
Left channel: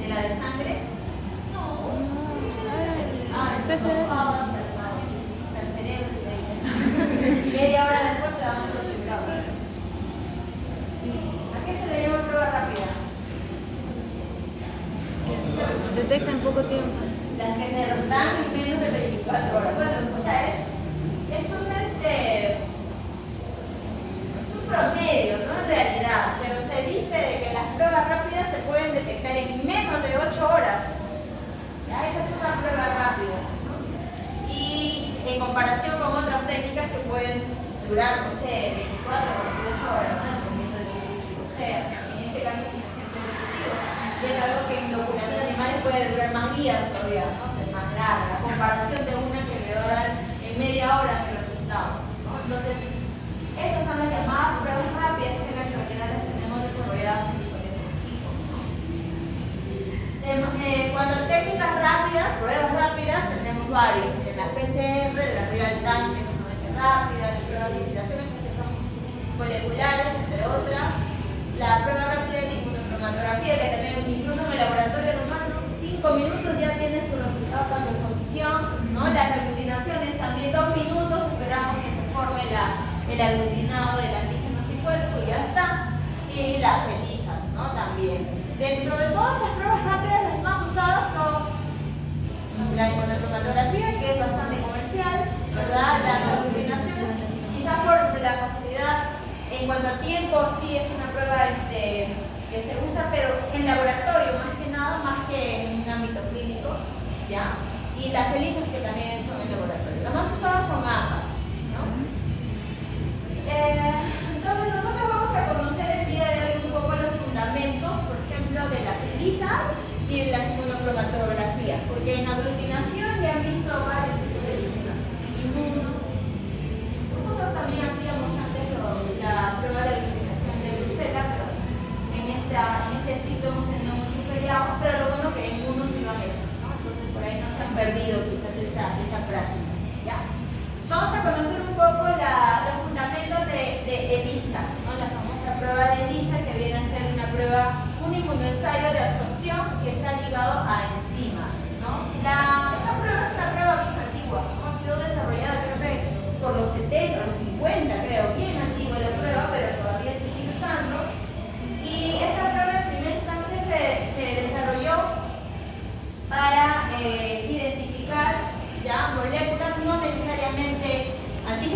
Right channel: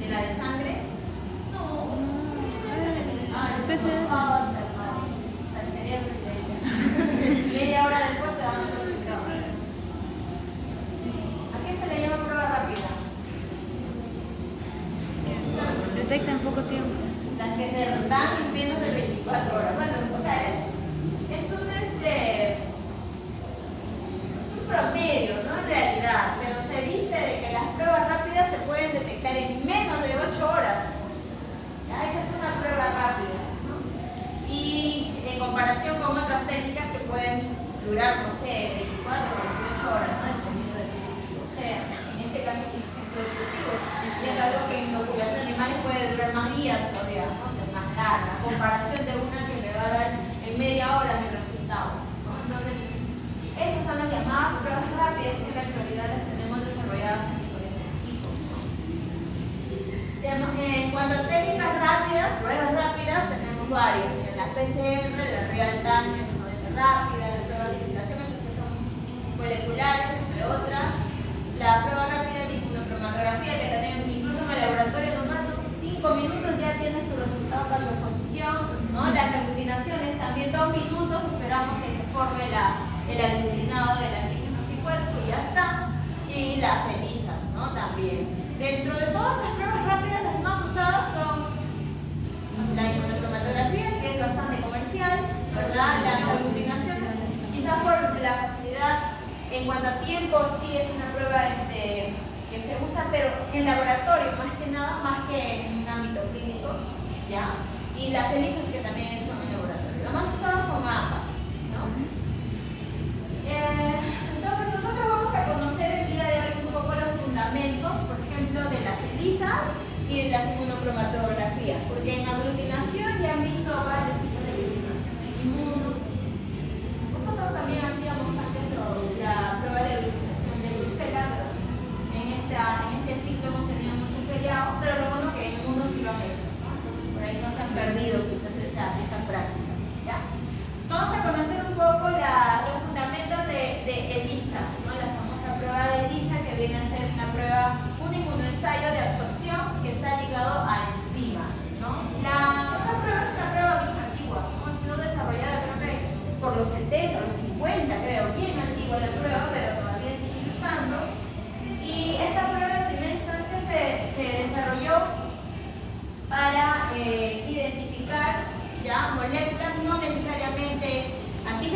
¿De la de sangre? No. Es al cerebro. Media hora después te dan los resultados. ¿A qué se le llama prueba rápida? Detecta en poco tiempo. Las que se dan en menos de 24 horas. Bueno, o sea, es un promedio, ¿no? En realidad, pero se dice de que las pruebas rápidas se pueden detectar en menos de 8 horas. ¿Ya? Esa es una prueba rápida, ¿no? Y en comparación con otras técnicas que pueden durar, no sé, 24 o 48 horas, ¿no? Dependiendo de qué tipo sea. En este caso es un ejemplo de cultivo. Y es algo que en inoculación de animales puede durar más días todavía, ¿no? Es más larga. La comparación de una que me va a dar en media hora mi resultado, ¿no? Entonces, esas son las llamadas pruebas rápidas que en realidad las tenemos desarrolladas en diferentes tipos, ¿no? Cuando técnicas rápidas, pruebas rápidas, tenemos varias. En la PCR, la real time, que es sumamente rápida, la prueba de limitaciones, que son moleculares, entre otras. La prueba rápida de inmunocromatografía, que también incluso en el laboratorio nomás 5 minutos ya tienes tu resultado para tu exposición, ¿no? Las aglutinaciones también 2 minutos, esperamos que se forme el aglutinado del antígeno anticuerpo y ya está. Y las ELISAs, ¿no? También. Dentro de todas las pruebas rápidas, las más usadas son la inmunocromatografía, que es bastante comercial, ¿verdad? Las aglutinaciones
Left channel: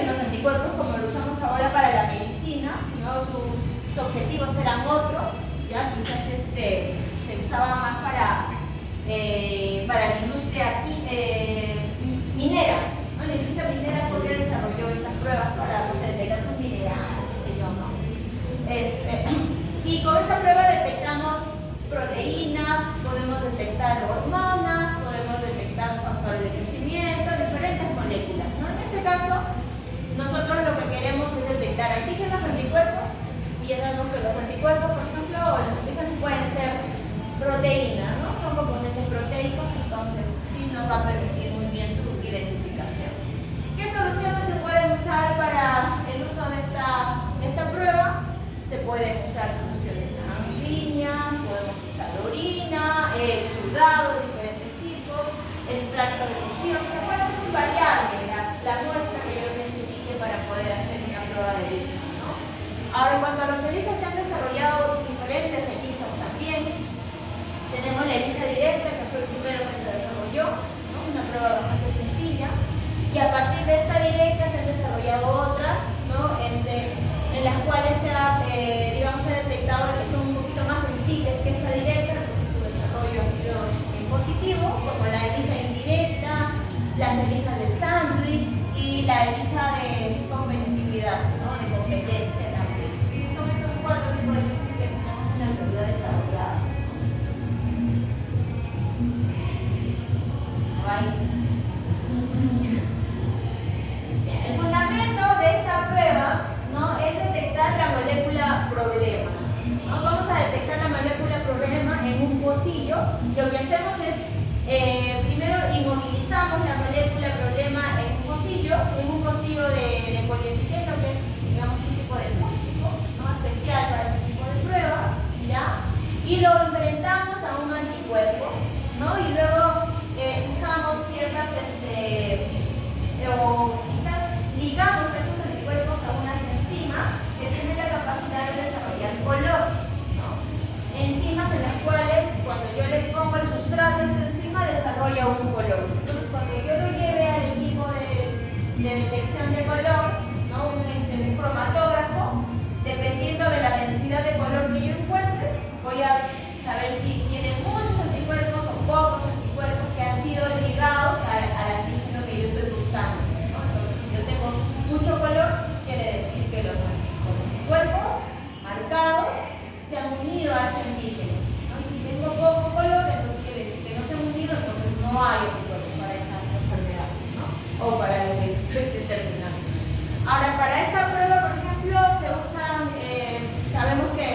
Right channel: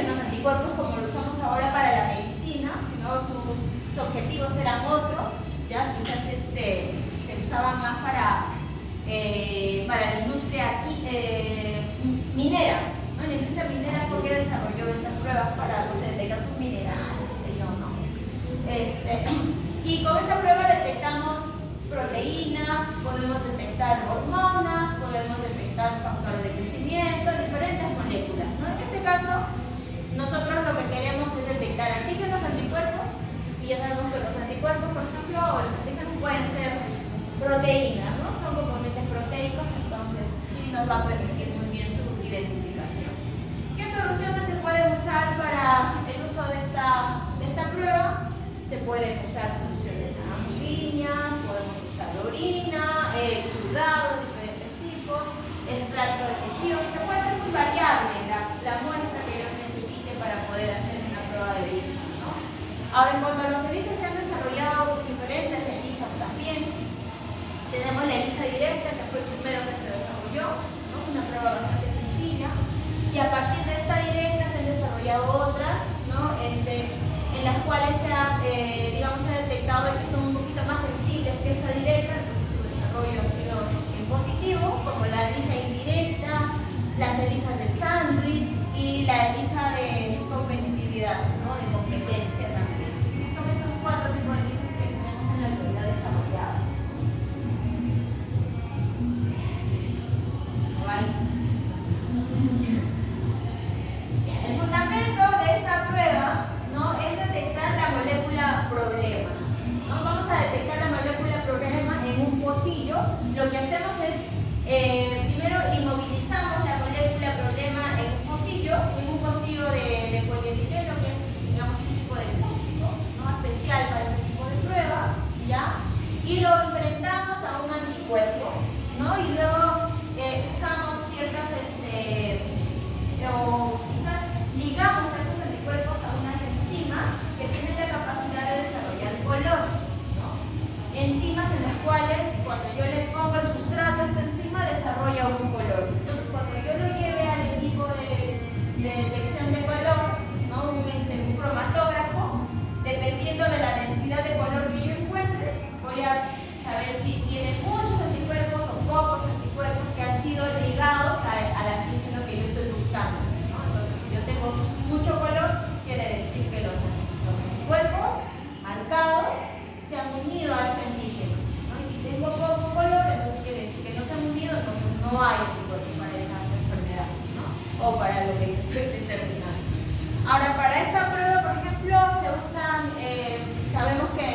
antígenos, anticuerpos, como lo usamos ahora para la medicina, sino sus objetivos eran otros, ya quizás se usaba más para la industria minera, ¿no? La industria minera fue que desarrolló estas pruebas para detectar sus minerales, qué sé yo, ¿no? Y con esta prueba detectamos proteínas, podemos detectar hormonas, podemos detectar factores de crecimiento, diferentes moléculas, ¿no? En este caso, nosotros lo que queremos es detectar antígenos, anticuerpos, y ya sabemos que los anticuerpos, por ejemplo, o los antígenos pueden ser proteínas, ¿no? Son componentes proteicos, entonces sí nos va a permitir muy bien su identificación. ¿Qué soluciones se pueden usar para el uso de esta prueba? Se pueden usar soluciones sanguíneas, podemos usar orina, exudados de diferentes tipos, extracto de tejido, se puede hacer muy variable la muestra que yo necesite para poder hacer una prueba de ELISA, ¿no? Ahora, en cuanto a los ELISA, se han desarrollado diferentes ELISAs también. Tenemos la ELISA directa, que fue el primero que se desarrolló, ¿no? Una prueba bastante sencilla, y a partir de esta directa se han desarrollado otras, ¿no? En las cuales se ha detectado que son un poquito más sensibles que esta directa, entonces su desarrollo ha sido positivo, como la ELISA indirecta, las ELISAs de sándwich y la ELISA de competitividad, ¿no? De competencia también. Son estos 4 tipos de ELISAs que tenemos en la actualidad desarrolladas. El fundamento de esta prueba, ¿no? Es detectar la molécula problema, ¿no? Vamos a detectar la molécula problema en un pocillo. Lo que hacemos es, primero inmovilizamos la molécula problema en un pocillo de polietileno, que es, digamos, un tipo de plástico, ¿no? Especial para ese tipo de pruebas, ¿ya? Y lo enfrentamos a un anticuerpo, ¿no? Y luego usamos ciertas, o quizás ligamos estos anticuerpos a unas enzimas que tienen la capacidad de desarrollar color, ¿no? Enzimas en las cuales, cuando yo le pongo el sustrato a esta enzima, desarrolla un color. Entonces, cuando yo lo lleve al equipo de detección de color, ¿no? Un cromatógrafo, dependiendo de la densidad de color que yo encuentre, voy a saber si tiene muchos anticuerpos o pocos anticuerpos que han sido ligados al antígeno que yo estoy buscando, ¿no? Entonces, si yo tengo mucho color, quiere decir que los anticuerpos marcados se han unido a este antígeno, ¿no? Y si tengo poco color, entonces quiere decir que no se han unido, entonces no hay anticuerpos para esa enfermedad, ¿no? O para lo que yo estoy determinando. Ahora, para esta prueba, por ejemplo, se usan, sabemos que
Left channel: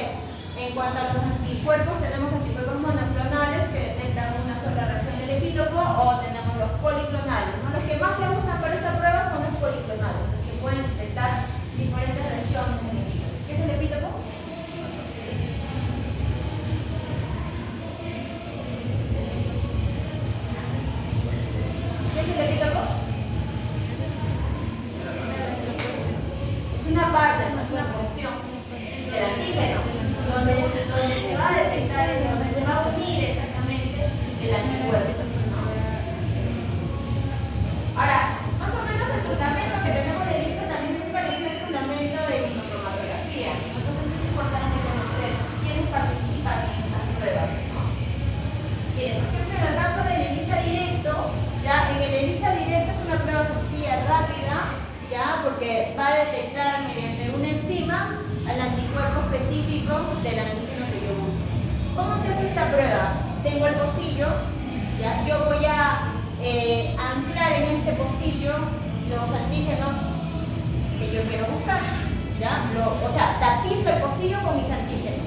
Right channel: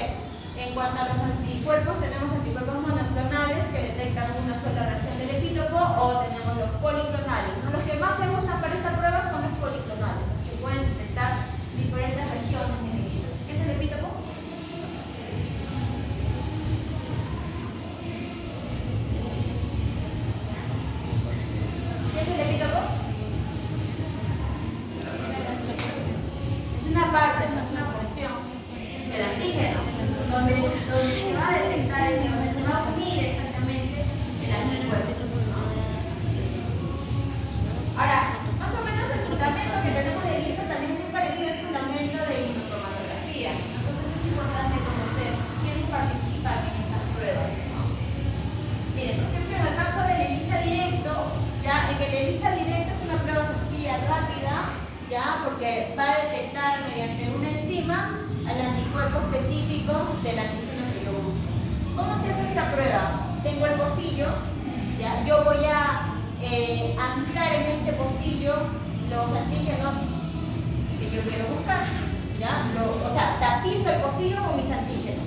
en cuanto a los anticuerpos, tenemos anticuerpos monoclonales que detectan una sola región del epítopo, o tenemos los policlonales, ¿no? Los que más se usan para esta prueba son los policlonales, que pueden detectar diferentes regiones del epítopo. ¿Qué es el epítopo? ¿Qué es el epítopo? Es una parte, no es una porción del antígeno, donde se va a detectar, donde se va a unir exactamente el anticuerpo. Ahora, más o menos el fundamento que tenemos de ELISA también es muy parecido al fundamento de inmunotomatografía. Entonces es importante conocer quiénes participan en estas pruebas, ¿no? Bien, por ejemplo, en el caso del ELISA directo, ya en el ELISA directo es una prueba sencilla, rápida, ya, porque va a detectar mediante una enzima al anticuerpo específico del antígeno que yo busco. ¿Cómo se hace esta prueba? Tengo el pocillo, ¿ya? Yo voy a anclar en este pocillo los antígenos que yo quiero buscar, ¿ya? O sea, tapizo el pocillo con mis antígenos,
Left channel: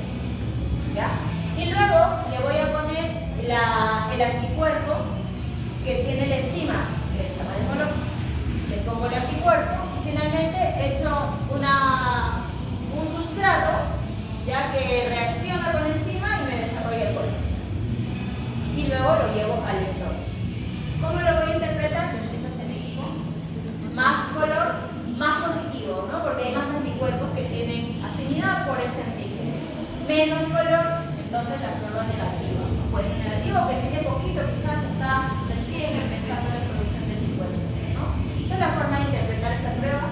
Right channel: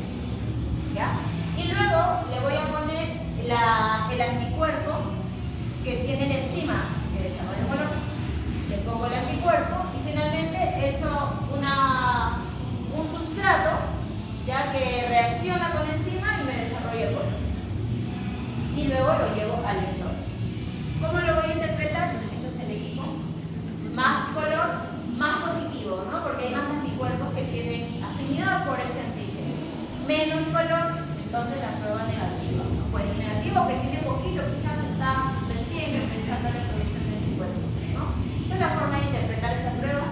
¿ya? Y luego le voy a poner el anticuerpo que tiene la enzima que desarrolla el color. Le pongo el anticuerpo y finalmente echo un sustrato, ya, que reacciona con la enzima y me desarrolla el color. Y luego lo llevo al lector. ¿Cómo lo voy a interpretar? Esto es el equipo. Más color, más positivo, ¿no? Porque hay más anticuerpos que tienen afinidad por este antígeno. Menos color, entonces la prueba negativa, ¿no? Pues el negativo que tiene poquito, quizás está recién empezando la producción de anticuerpos, ¿no? Esta es la forma de interpretar esta prueba.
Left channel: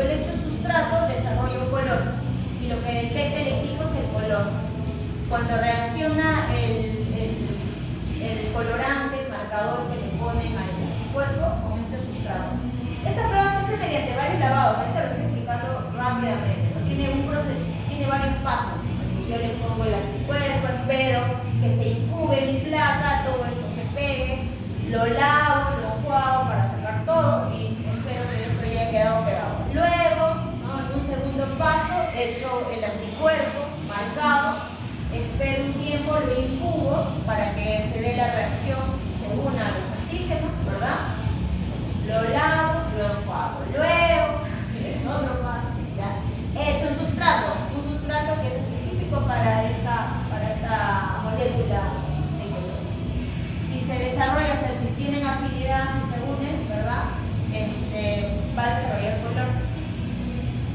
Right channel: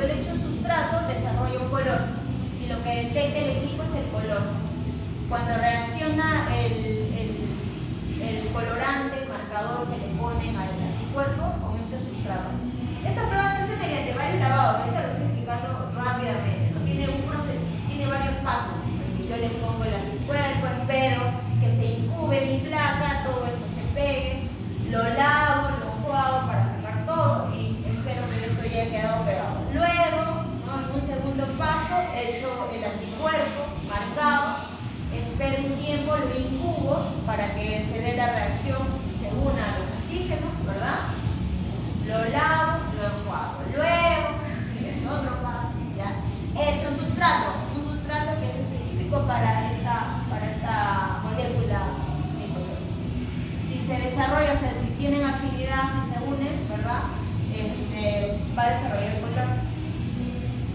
yo le echo un sustrato, desarrolla un color. Y lo que detecta el equipo es el color. Cuando reacciona el colorante, el marcador que le ponen al anticuerpo con este sustrato. Esta prueba se hace mediante varios lavados. Ahorita lo estoy explicando rápidamente, ¿no? Tiene varios pasos. Yo le pongo el anticuerpo, espero que se incube mi placa, todo esto se pegue, lo lavo, lo enjuago para sacar todo y espero que esto ya haya quedado pegado. Luego, ¿no? En un segundo paso, echo el anticuerpo marcado, espero un tiempo, lo incubo para que se dé la reacción, se una a los antígenos, ¿verdad? Lo lavo, lo enjuago. Luego, es otro paso, ¿ya? Echo un sustrato que es específico para esta molécula de color. Si se desarrolla, o sea, si tienen afinidad, si se unen, ¿verdad? Va a desarrollar el color.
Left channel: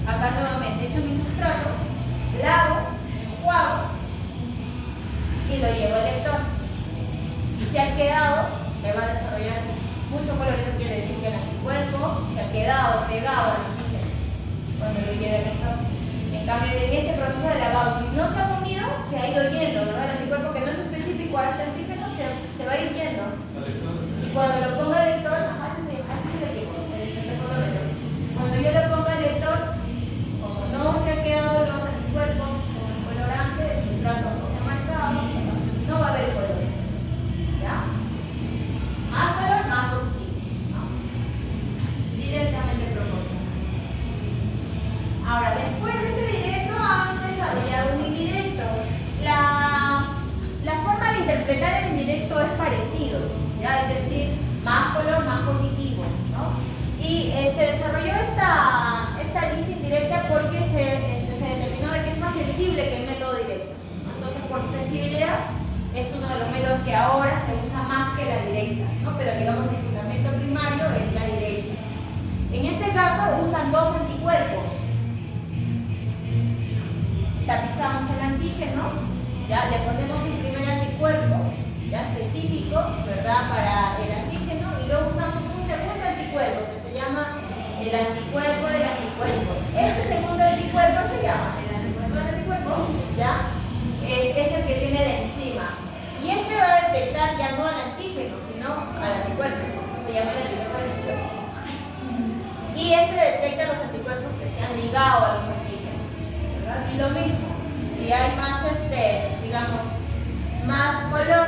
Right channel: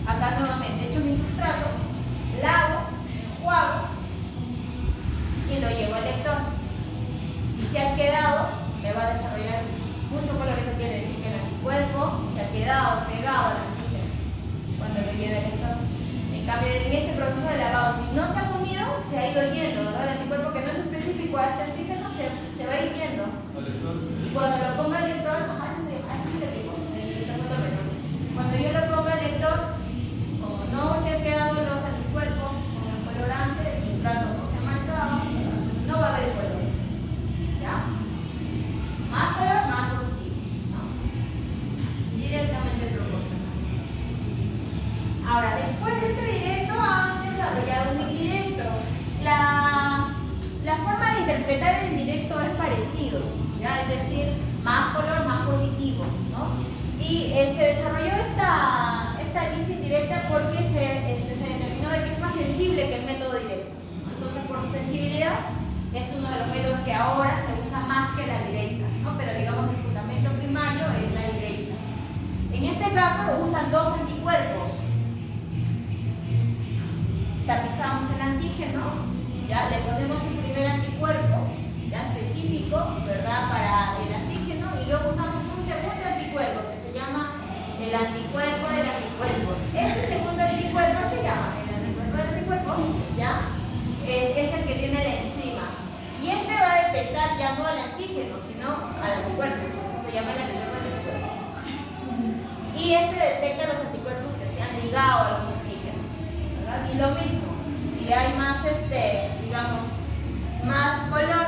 Acá nuevamente, echo mi sustrato, lavo, enjuago y lo llevo al lector. Si se ha quedado, me va a desarrollar mucho color. Eso quiere decir que el anticuerpo se ha quedado pegado al antígeno cuando lo lleve al lector. En cambio, en este proceso de lavado, si no se ha unido, se ha ido yendo, ¿verdad? El anticuerpo que no es específico a este antígeno se va a ir yendo. Y cuando lo ponga el lector, cuando yo lo ponga al lector, como no se han quedado los anticuerpos con el colorante, el sustrato no se ha marcado, no va a haber color. ¿Ya? Más color, más positivo, ¿no? Directamente proporcional. Ahora, después de este directo, vamos a desarrollar un indirecto. La forma de interpretar el indirecto es parecido, ¿ya? Es decir, más color, más positivo, ¿no? Y se desarrolló esta lista indirecta porque se determinó de que es más sensible que el método directo. Entonces, por su sensibilidad, es uno de los métodos que ahora se usa más que la directa, ¿no? Pero digamos, el fundamento primario es la directa. En este caso, usan dos anticuerpos. Tapizamos el antígeno, ya le ponemos un primer anticuerpo, ya específico, ¿verdad? Para el antígeno, y luego usamos un segundo anticuerpo que se llama el anticuerpo del anticuerpo. Este segundo anticuerpo se llama el anticuerpo del anticuerpo, ¿ya? Es el que tiene la enzima. Y este va a detectar ya no al antígeno, sino al anticuerpo, se llama el anticuerpo del anticuerpo. Y este detecta los anticuerpos que se han ligado a los antígenos, ¿verdad? Y lo mismo, si hay más, digamos, más color,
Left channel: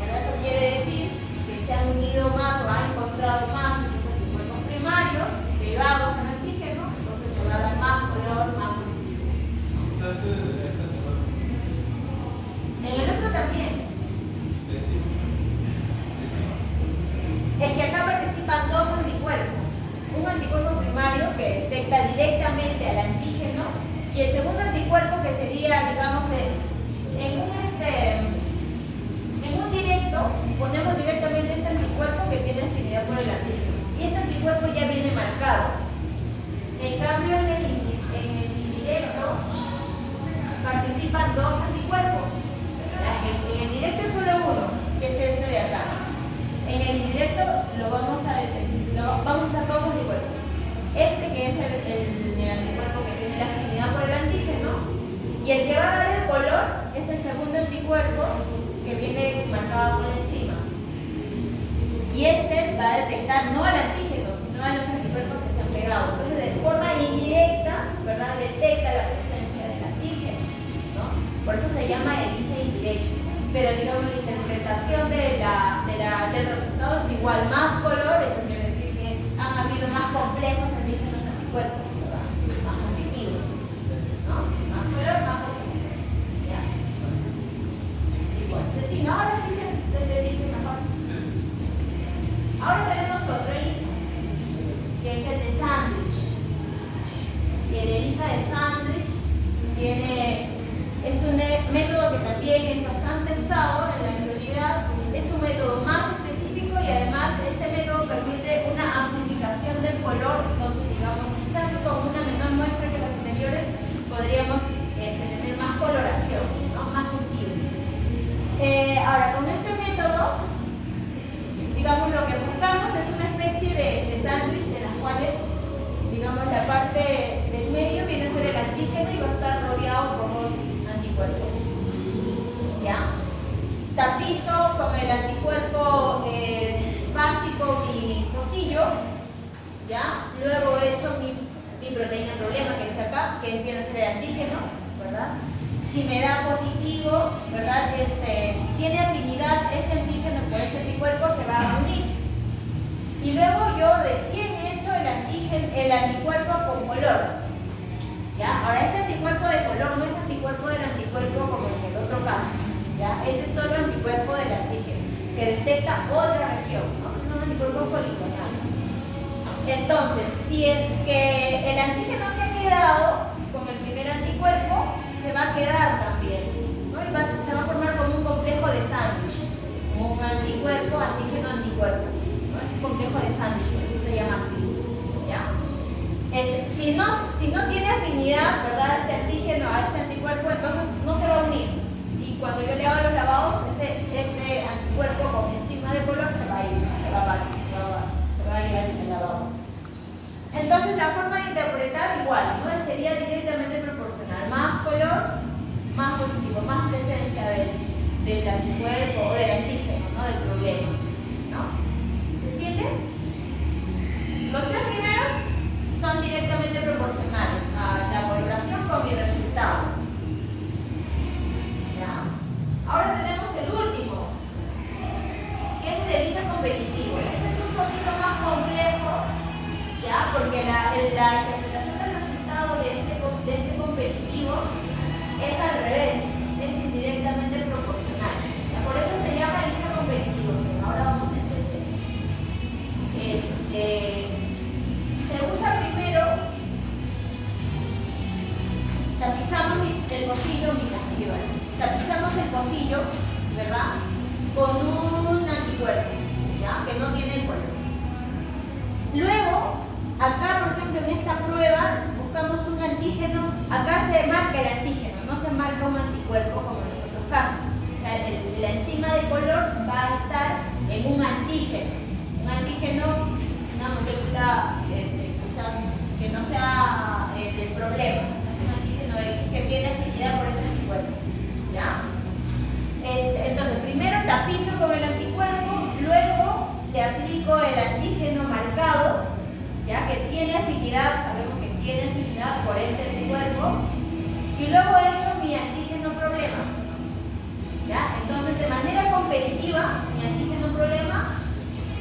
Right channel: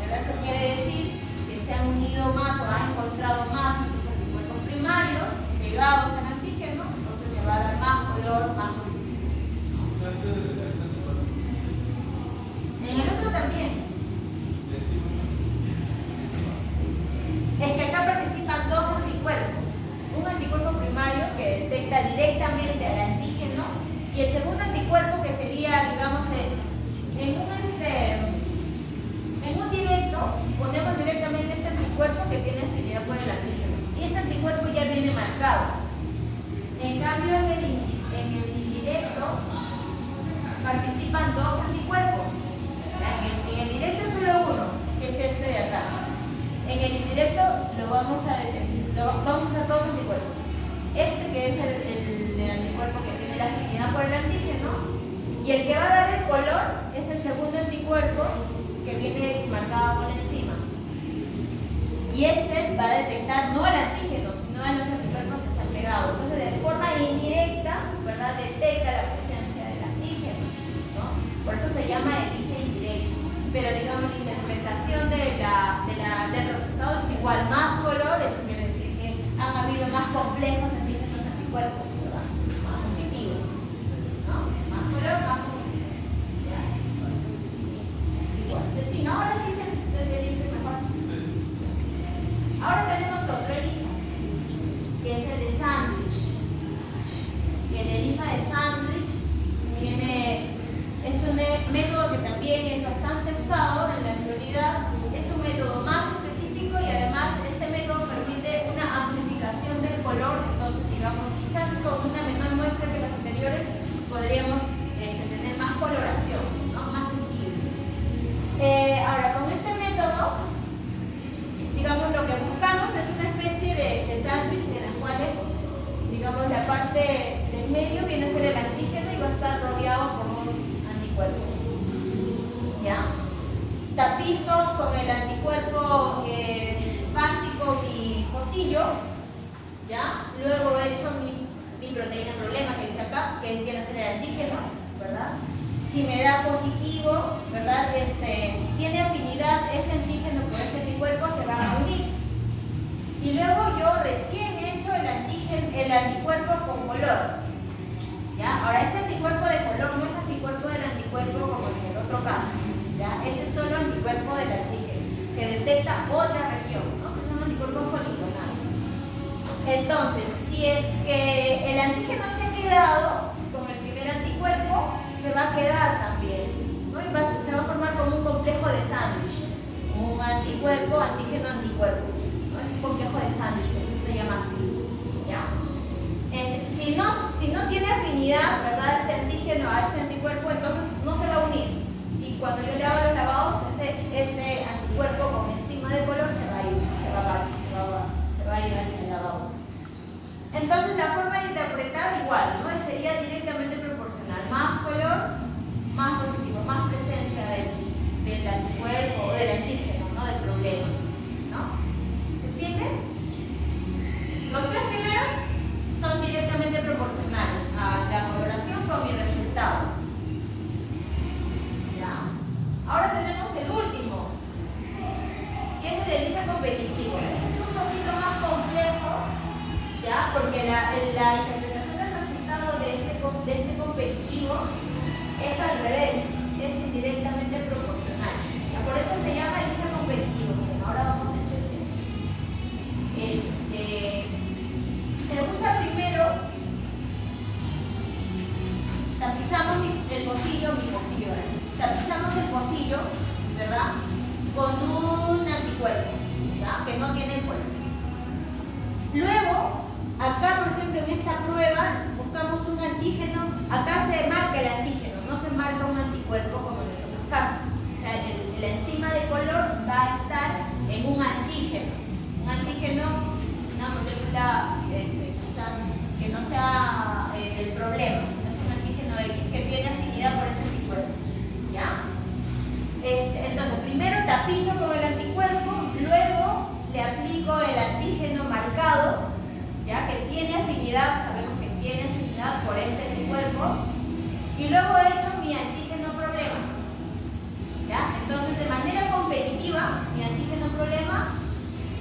¿verdad? Eso quiere decir que se han unido más o han encontrado más estos anticuerpos primarios pegados al antígeno, entonces me va a dar más color, más positivo. En el otro también. Es que acá participan dos anticuerpos. Un anticuerpo primario que detecta directamente al antígeno y el segundo anticuerpo que sería, digamos, en un directo, ponemos directamente este anticuerpo que tiene afinidad por el antígeno. Y este anticuerpo ya viene marcado. En cambio, en el indirecto participan dos anticuerpos. En el directo es solo uno, que es este de acá. En el indirecto vamos a usar dos anticuerpos. Este que es el anticuerpo que tiene la afinidad por el antígeno, y el que va a dar el color es el segundo anticuerpo que viene marcado por encima. Y este va a detectar no al antígeno, sino a los anticuerpos que se han pegado. Entonces, de forma indirecta, ¿verdad? Detecta la presencia del antígeno, ¿no? Por eso se llama ELISA indirecto. Pero digamos, la interpretación del resultado es igual. Más color, eso quiere decir que han habido más complejos antígenos anticuerpos, ¿verdad? Más positivos, ¿no? Más color, más positivo. ¿Ya? Igual. Sí, ¿no? Ahora sí se dice mejor. Ahora tenemos otro ELISA, que es el de Sandwich. Y el ELISA de Sandwich es un método que también es bastante usado en la actualidad. Es un método más específico y además este ¿ya? Luego he hecho mi proteína problema, que dice acá, que viene a ser el antígeno, ¿verdad? Si me da positivo, ¿verdad? Si tiene afinidad este antígeno por este anticuerpo, se va a unir. Y luego yo recién he hecho el anticuerpo con color. ¿Ya? Ahora, este anticuerpo de color no es anticuerpo del anticuerpo como en el otro caso. ¿Ya? Este es solo anticuerpo del antígeno, que detecta otra región, ¿no? Que son anticuerpos poligonales. Entonces, si es que el antígeno se ha quedado con el primer anticuerpo, se va a quedar también, ¿no? Y se va a formar como un complejo de sándwich, un anticuerpo, antígeno, anticuerpo, ¿no? Un complejo de sándwich, por eso se llama así, ¿ya? Si no tiene afinidad, ¿verdad? Este antígeno a este anticuerpo, entonces no se va a unir. Y cuando yo le hago los lavados, este anticuerpo con enzima de color se va a ir, se va a ir al lavado. Entonces la forma de interpretar igual, ¿no? Sería directamente proporcional. Más color, más positivo, más presencia del anticuerpo o del antígeno, ¿no? Del problema, ¿no? ¿Se entiende? Los tres primeros son directamente proporcionales a la coloración con mi resultado. ¿Ya? Ahora tenemos el último, que es el ELISA competitivo. Este es un poquito más complejo, ¿ya? Porque la interpretación del resultado de este competitivo es al revés, es indirectamente proporcional. ¿Ya? Por eso se llama ELISA competitivo, pero ahora vamos a entender. Se usa primero, tapizamos el pocillo, tapizamos el pocillo, ¿verdad? Con un anticuerpo, ¿ya? Que no tiene cuerpo. Luego, acá por ejemplo en esta prueba, buscamos un antígeno, acá se marca el antígeno, no se marca un anticuerpo como en los otros casos. O sea, la enzima de color va a estar en un antígeno, una molécula quizás que no sea del problema, sino es un antígeno X que tiene afinidad por ese anticuerpo, ¿ya? Entonces, primero tapizo con el anticuerpo, luego le aplico el antígeno marcado, ¿ya? Que tiene afinidad, sabemos que tiene afinidad por este anticuerpo, y luego he hecho mi antígeno problema, ¿ya? Entonces, de manera competitiva, mi antígeno problema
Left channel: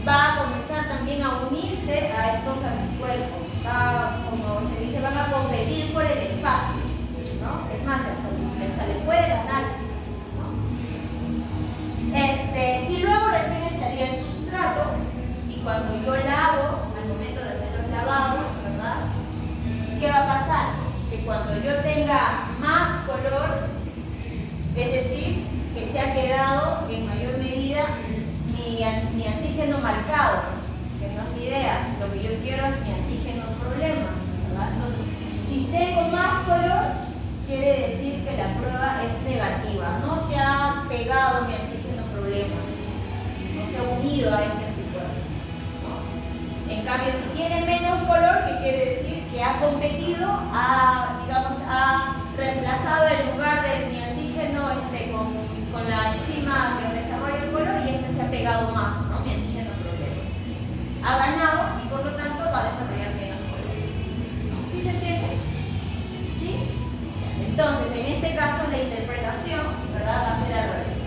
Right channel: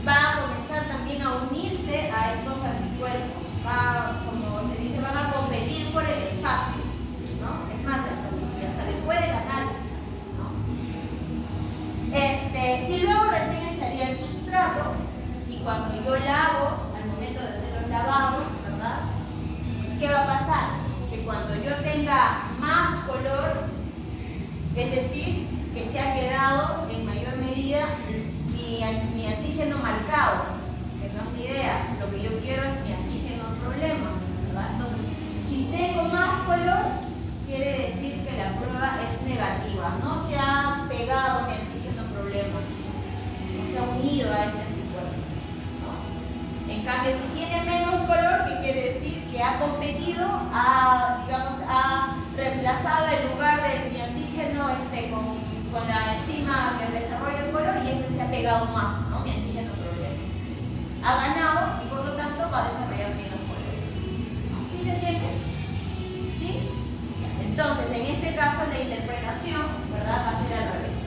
va a comenzar también a unirse a estos anticuerpos, como se dice, van a competir por el espacio, ¿no? Es más, hasta le puede ganar, ¿no? Y luego recién echaría el sustrato, y cuando yo lavo, al momento de hacer los lavados, ¿verdad? ¿Qué va a pasar? Que cuando yo tenga más color, es decir, que se ha quedado en mayor medida mi antígeno marcado, que no es mi idea, lo que yo quiero es mi antígeno problema, ¿verdad? Entonces, si tengo más color, quiere decir que la prueba es negativa, no se ha pegado mi antígeno problema, no se ha unido a este anticuerpo, ¿no? En cambio, si tiene menos color, ¿qué quiere decir? Que ha competido, ha reemplazado el lugar de mi antígeno con la enzima que desarrolla el color, y este se ha pegado más, ¿no? Mi antígeno problema. Ha ganado y por lo tanto va a desarrollar menos color. ¿Sí se entiende? ¿Sí? Entonces, en este caso la interpretación, ¿verdad? Va a ser al revés.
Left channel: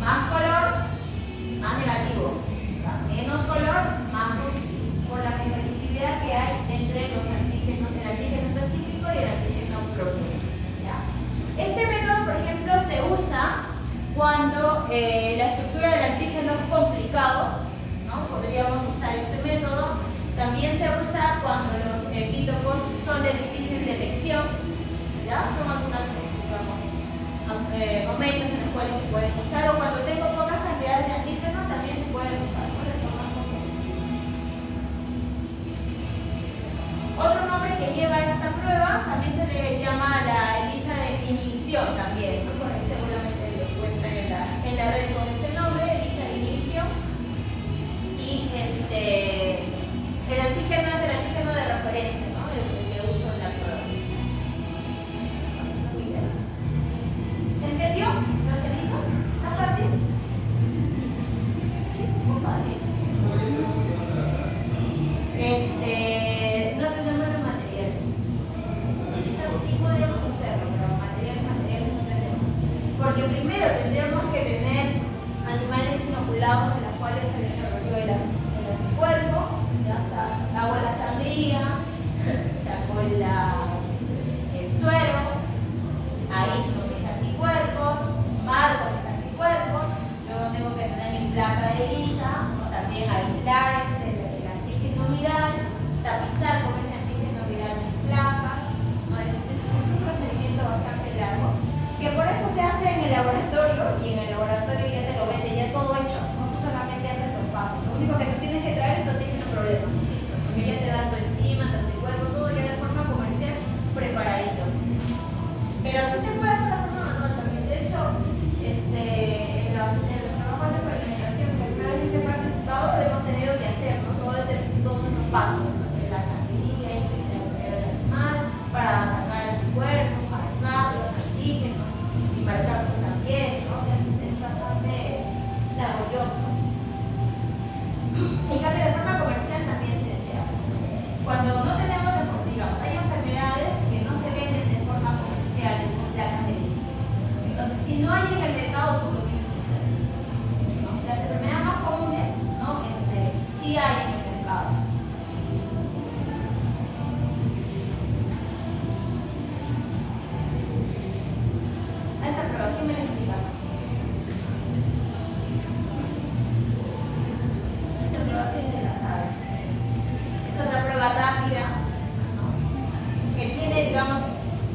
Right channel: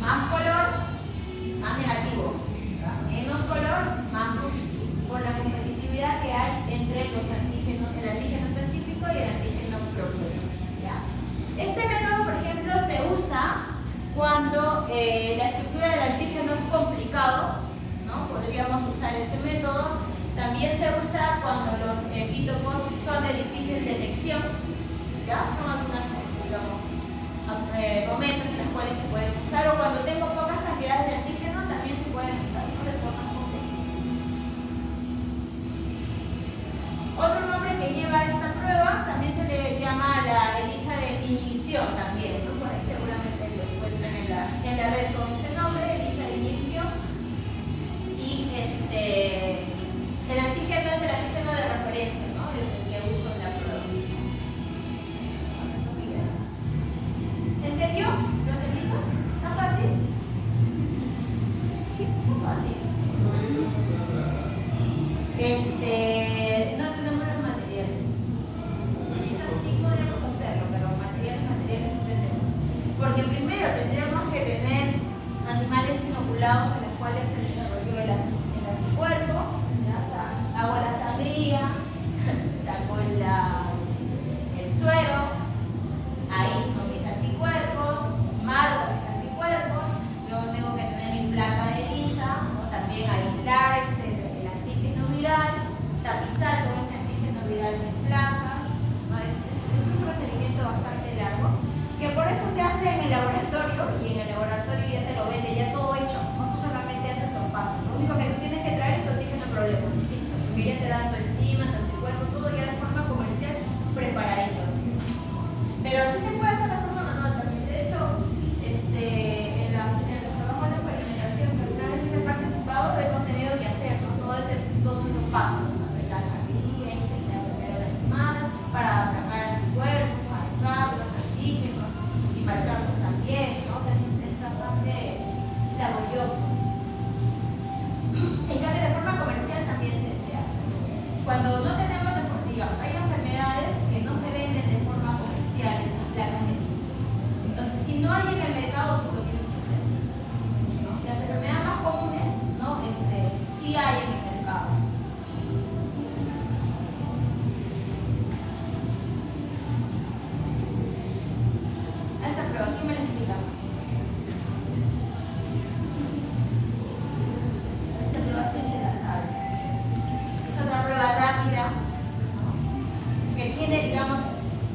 Más color, más negativo, ¿verdad? Menos color, más positivo, por la competitividad que hay entre los antígenos, el antígeno específico y el antígeno propio, ¿ya? sí hay en el mercado. Esta prueba, ¿quién me lo explica? Esta prueba sí se la sabe. Es otra prueba rápida, ¿no? Que tiene, digamos,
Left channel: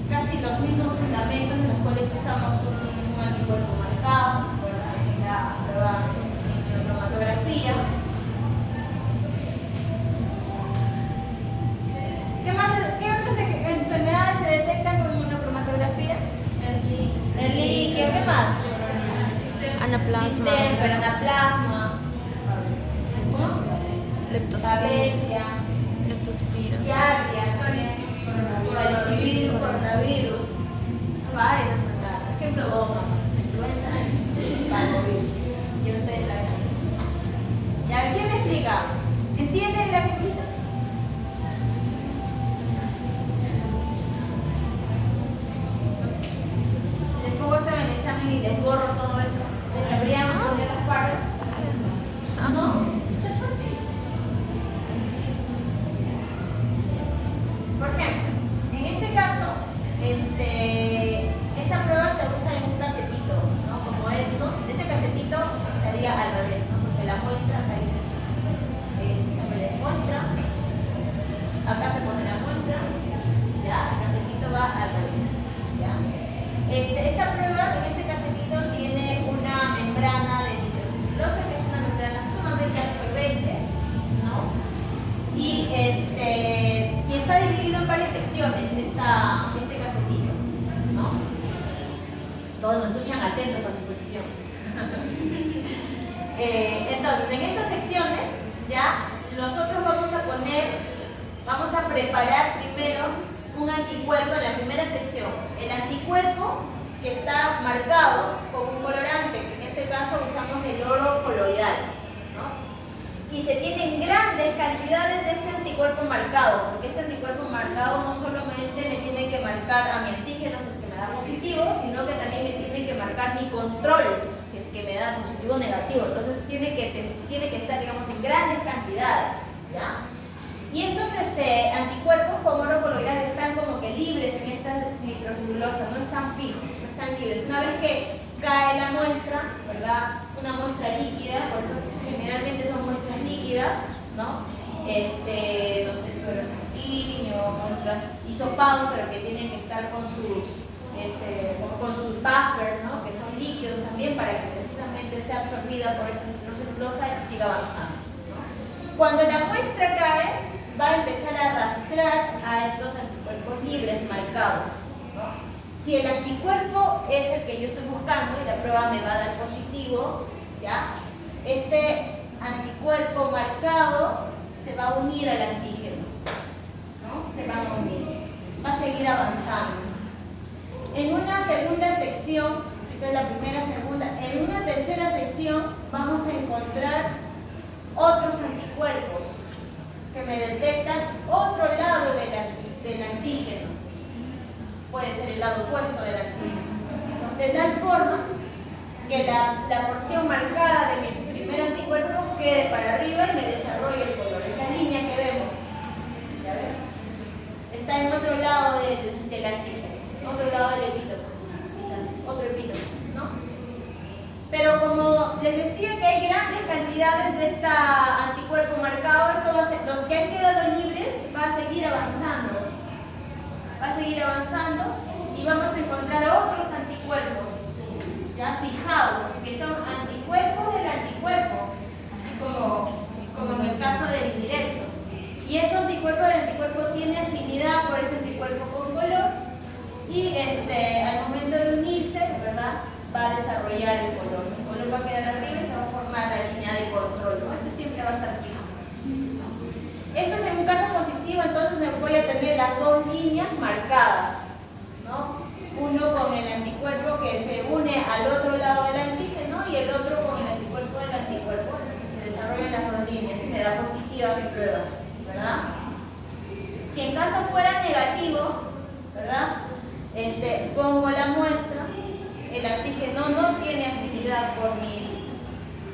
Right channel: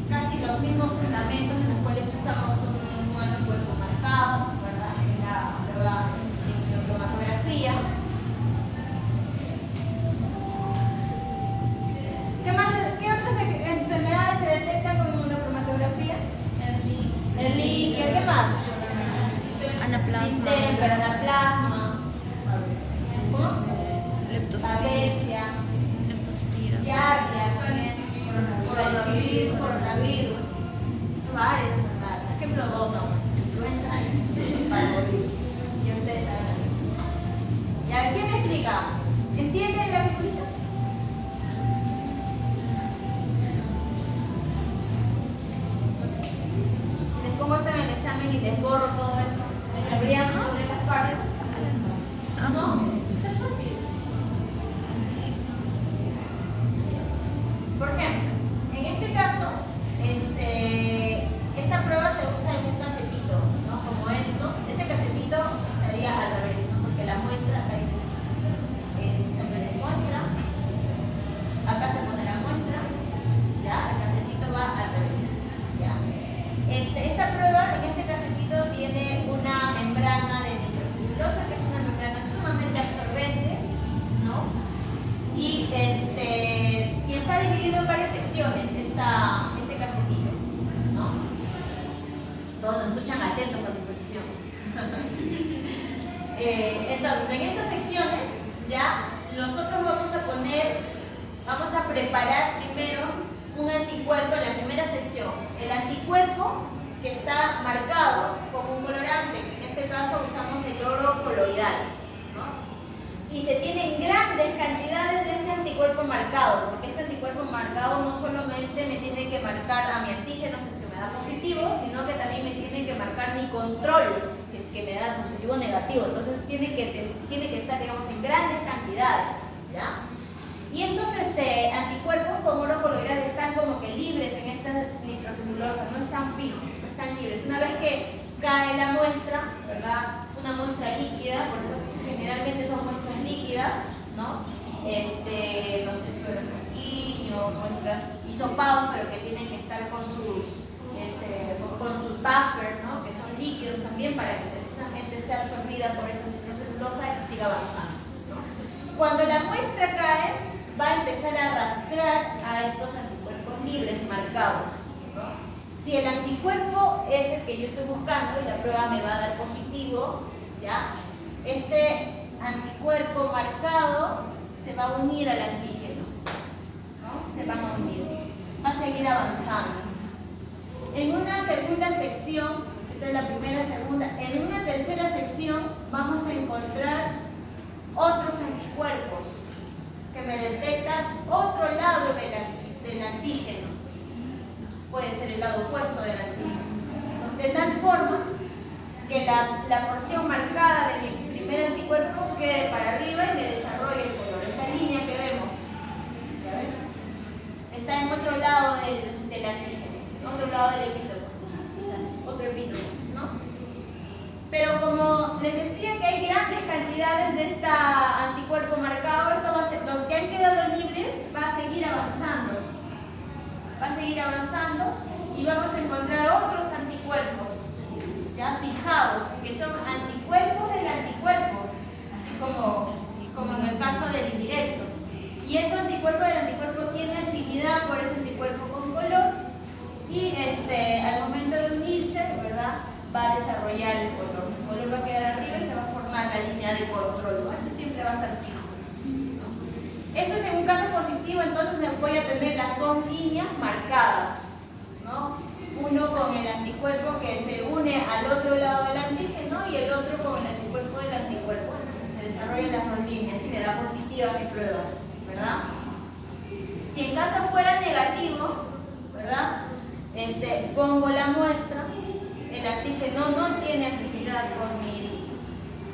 casi los mismos fundamentos en los cuales usamos un anticuerpo marcado, ¿verdad? En la prueba de cromatografía. ¿Qué otras enfermedades se detectan con inmunocromatografía? El líquido, ¿qué más? Anaplasma, Distemper, anaplasma, ¿cómo? leptospira, Babesia, leptospira, giardia, varicivir, coronavirus, varias enfermedades. ¿Qué provoca? Influenza y parvovirus. Y ustedes saben. ¿Ya? ¿Quién me explica? ¿Entienden la figurita? Si les pongo esto en el examen y les borro todo eso, ¿les sabrían poner las partes? ¿No? Esto es fácil. Por ejemplo, en este caso, esta prueba se usa en un casetito, ¿no? Como estos. Este casetito estaría al revés, ¿no? Porque la muestra acá dice, se me muestra, acá se pone la muestra, ya, el casetito va al revés, ya. Esta prueba, en este casetito, tiene una membrana de nitrocelulosa, que es una membrana sumamente absorbente, ¿no? Y está dividido en varias secciones este casetito, ¿no? Todos nos escuchan atentos a su posición. Entonces, en estas secciones, ya, nosotros vamos a preparar primero un anticuerpo en la primera sección. El anticuerpo que está marcado con un colorante, que en este caso usamos el oro coloidal, ¿no? Y se tienen grandes cantidades de este anticuerpo marcado, porque este anticuerpo marcado no solamente me tiene que marcar a mi antígeno si es que me da positivo, sino que también me tiene que marcar mi control si es que me da positivo o negativo. Entonces tiene que estar, digamos, en grandes cantidades, ¿ya? Y estos anticuerpos con oro coloidal están como que libres en esta nitrocelulosa, no están fijos, no están libres. Una vez que cae la muestra, ¿verdad? Una muestra líquida, por eso generalmente son muestras líquidas, ¿no? No sé, suero sanguíneo, muestras hisopados, pero que tienen que estar con sus buffers, ¿no? Que son líquidos también para que precisamente sea absorbida por esa nitrocelulosa y siga avanzando, ¿no? Cuando la muestra cae, va a empezar a arrastrar a estos anticuerpos libres marcados, ¿no? Si el anticuerpo es el que yo estoy buscando y la prueba me va a dar positivo, ¿ya? Este anticuerpo marcado se va a unir al antígeno, ¿no? Se van a unir, va a seguir avanzando. En una segunda sección, esta es la primera, segunda, en una tercera sección vamos a encontrar otros anticuerpos que me detectan otro lado del antígeno. Puede ser el lado opuesto del antígeno. De tal forma que la porción marcada de mi primer anticuerpo quede para arriba y me desarrolle el color. Es la línea que vemos. ¿Ya ven? Está en otro lado del antígeno, otro lado del epítopo, quizás, otro epítopo, ¿no? Pero como les decía que hay grandes cantidades de este anticuerpo marcado, esto va a ser, los que han quedado libres va a seguir avanzando. Va a seguir avanzando y vamos a encontrar otros anticuerpos ya fijados, que son anticuerpos del anticuerpo, así como en el caso del indirecto. Y ese anticuerpo del anticuerpo tiene afinidad por ese anticuerpo con color y al momento de unirse, ¿verdad?, va a desarrollar el color. El color va a quedar arriba y se va a formar la línea de control, ¿no? Este siempre va a estar fijo, ¿no? Esto es en un caso positivo, entonces me voy a tener las dos líneas marcadas, ¿no? Uno con el anticuerpo que se une al otro lado del antígeno y el otro con el anticuerpo del anticuerpo. Entonces se desarrollan las dos líneas y me da positiva mi prueba, ¿verdad? Si en caso fuera negativo, ¿verdad? Pongo la muestra, el antígeno no tiene afinidad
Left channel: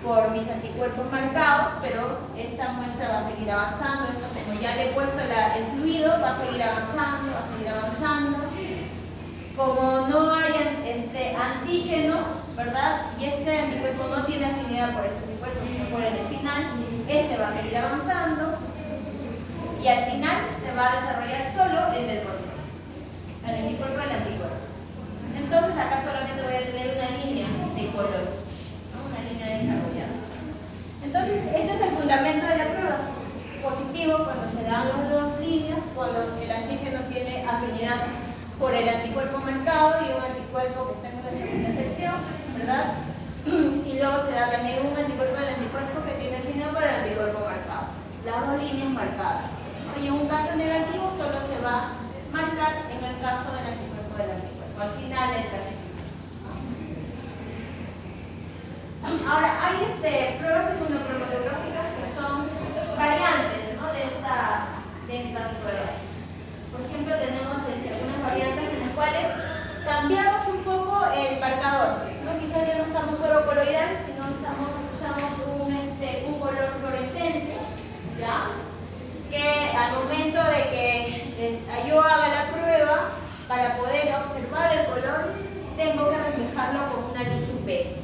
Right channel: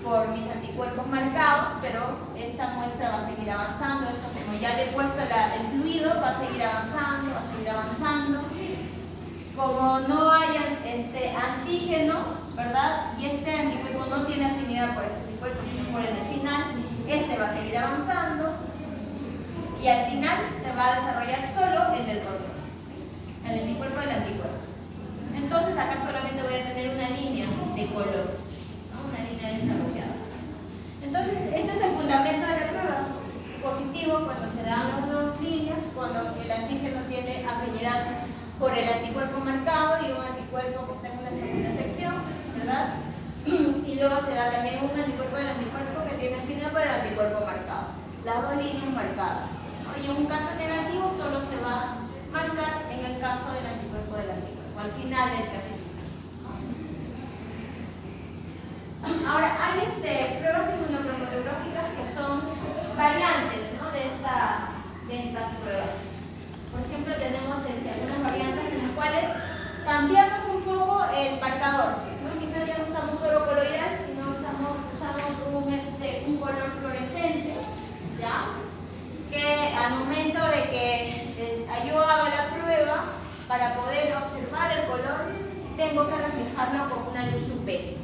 por mis anticuerpos marcados, pero esta muestra va a seguir avanzando. Esto, como ya le he puesto el fluido, va a seguir avanzando, va a seguir avanzando. Como no haya antígeno, ¿verdad? Y este anticuerpo no tiene afinidad por este anticuerpo, sino por el final, este va a seguir avanzando y al final se va a desarrollar solo el del control, el anticuerpo del anticuerpo. Entonces acá solamente voy a tener una línea de color, ¿no? Una línea desarrollada. Entonces este es el fundamento de la prueba. Positivo cuando se dan las dos líneas, cuando el antígeno tiene afinidad por el anticuerpo marcado y un anticuerpo que está en una segunda sección, ¿verdad? Y luego se da también un anticuerpo del anticuerpo que tiene afinidad por el anticuerpo marcado. Las dos líneas marcadas. Y en un caso negativo solo se va a marcar en el caso del anticuerpo del anticuerpo, al final del casillero. Ahora, hay pruebas inmunocromatográficas que son variantes, ¿no? de estas pruebas. Por ejemplo, tenemos algunas variantes en las cuales cambiamos un poco el marcador, ¿no? Quizás ya no usamos solo coloidal, sino usamos un color fluorescente, ¿ya? Que al momento de que yo haga la prueba, para poder observar el color, tengo que reflejarlo con una luz UV,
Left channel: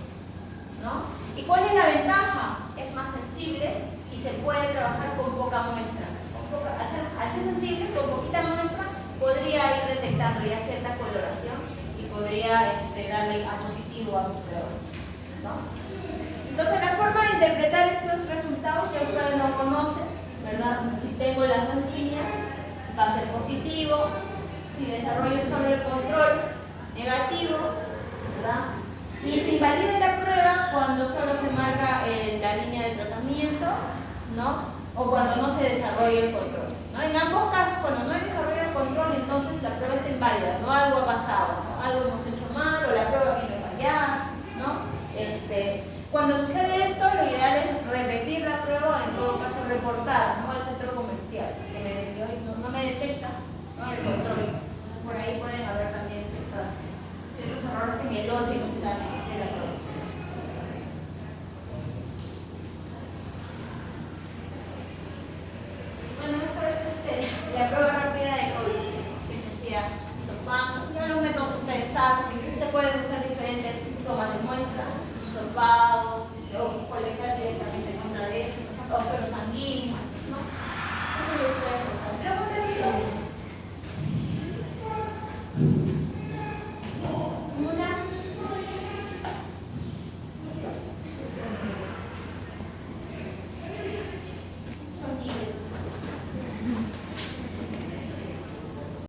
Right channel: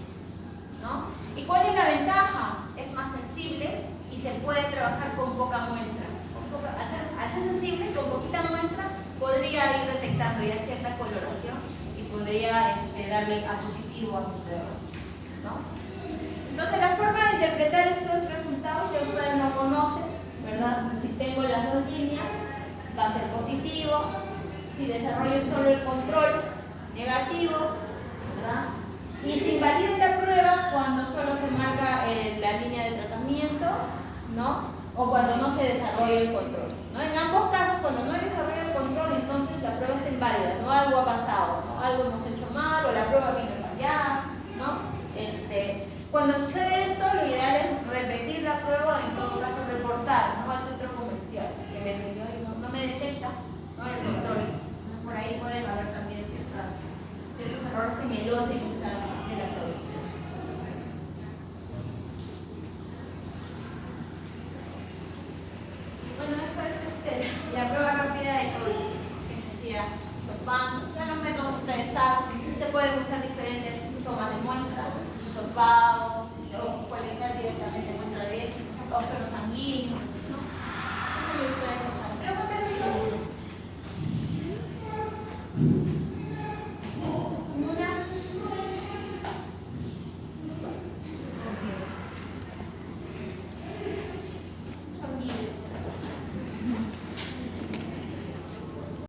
¿no? ¿Y cuál es la ventaja? Es más sensible y se puede trabajar con poca muestra. Al ser sensible, con poquita muestra, podría ir detectando ya cierta coloración y podría darle a positivo a mi prueba, ¿no? Entonces, la forma de interpretar estos resultados ya ustedes lo conocen, ¿verdad? Si tengo las dos líneas, va a ser positivo. Si desarrollo solo el control, negativo, ¿verdad? Y se invalida la prueba cuando solo se marca la línea de tratamiento, ¿no? O cuando no se desarrolla el control, ¿no? En ambos casos, cuando no hay desarrollo del control, entonces la prueba está inválida, ¿no? Algo ha pasado, ¿no? Algo hemos hecho mal o la prueba viene a fallar, ¿no? Cuando sucede esto, lo ideal es repetir la prueba o en todo caso reportar, ¿no? Al centro comercial que me vendió y no me detecta, ¿no? El control. Entonces, por ahí pueden haber también ciertos errores semiológicos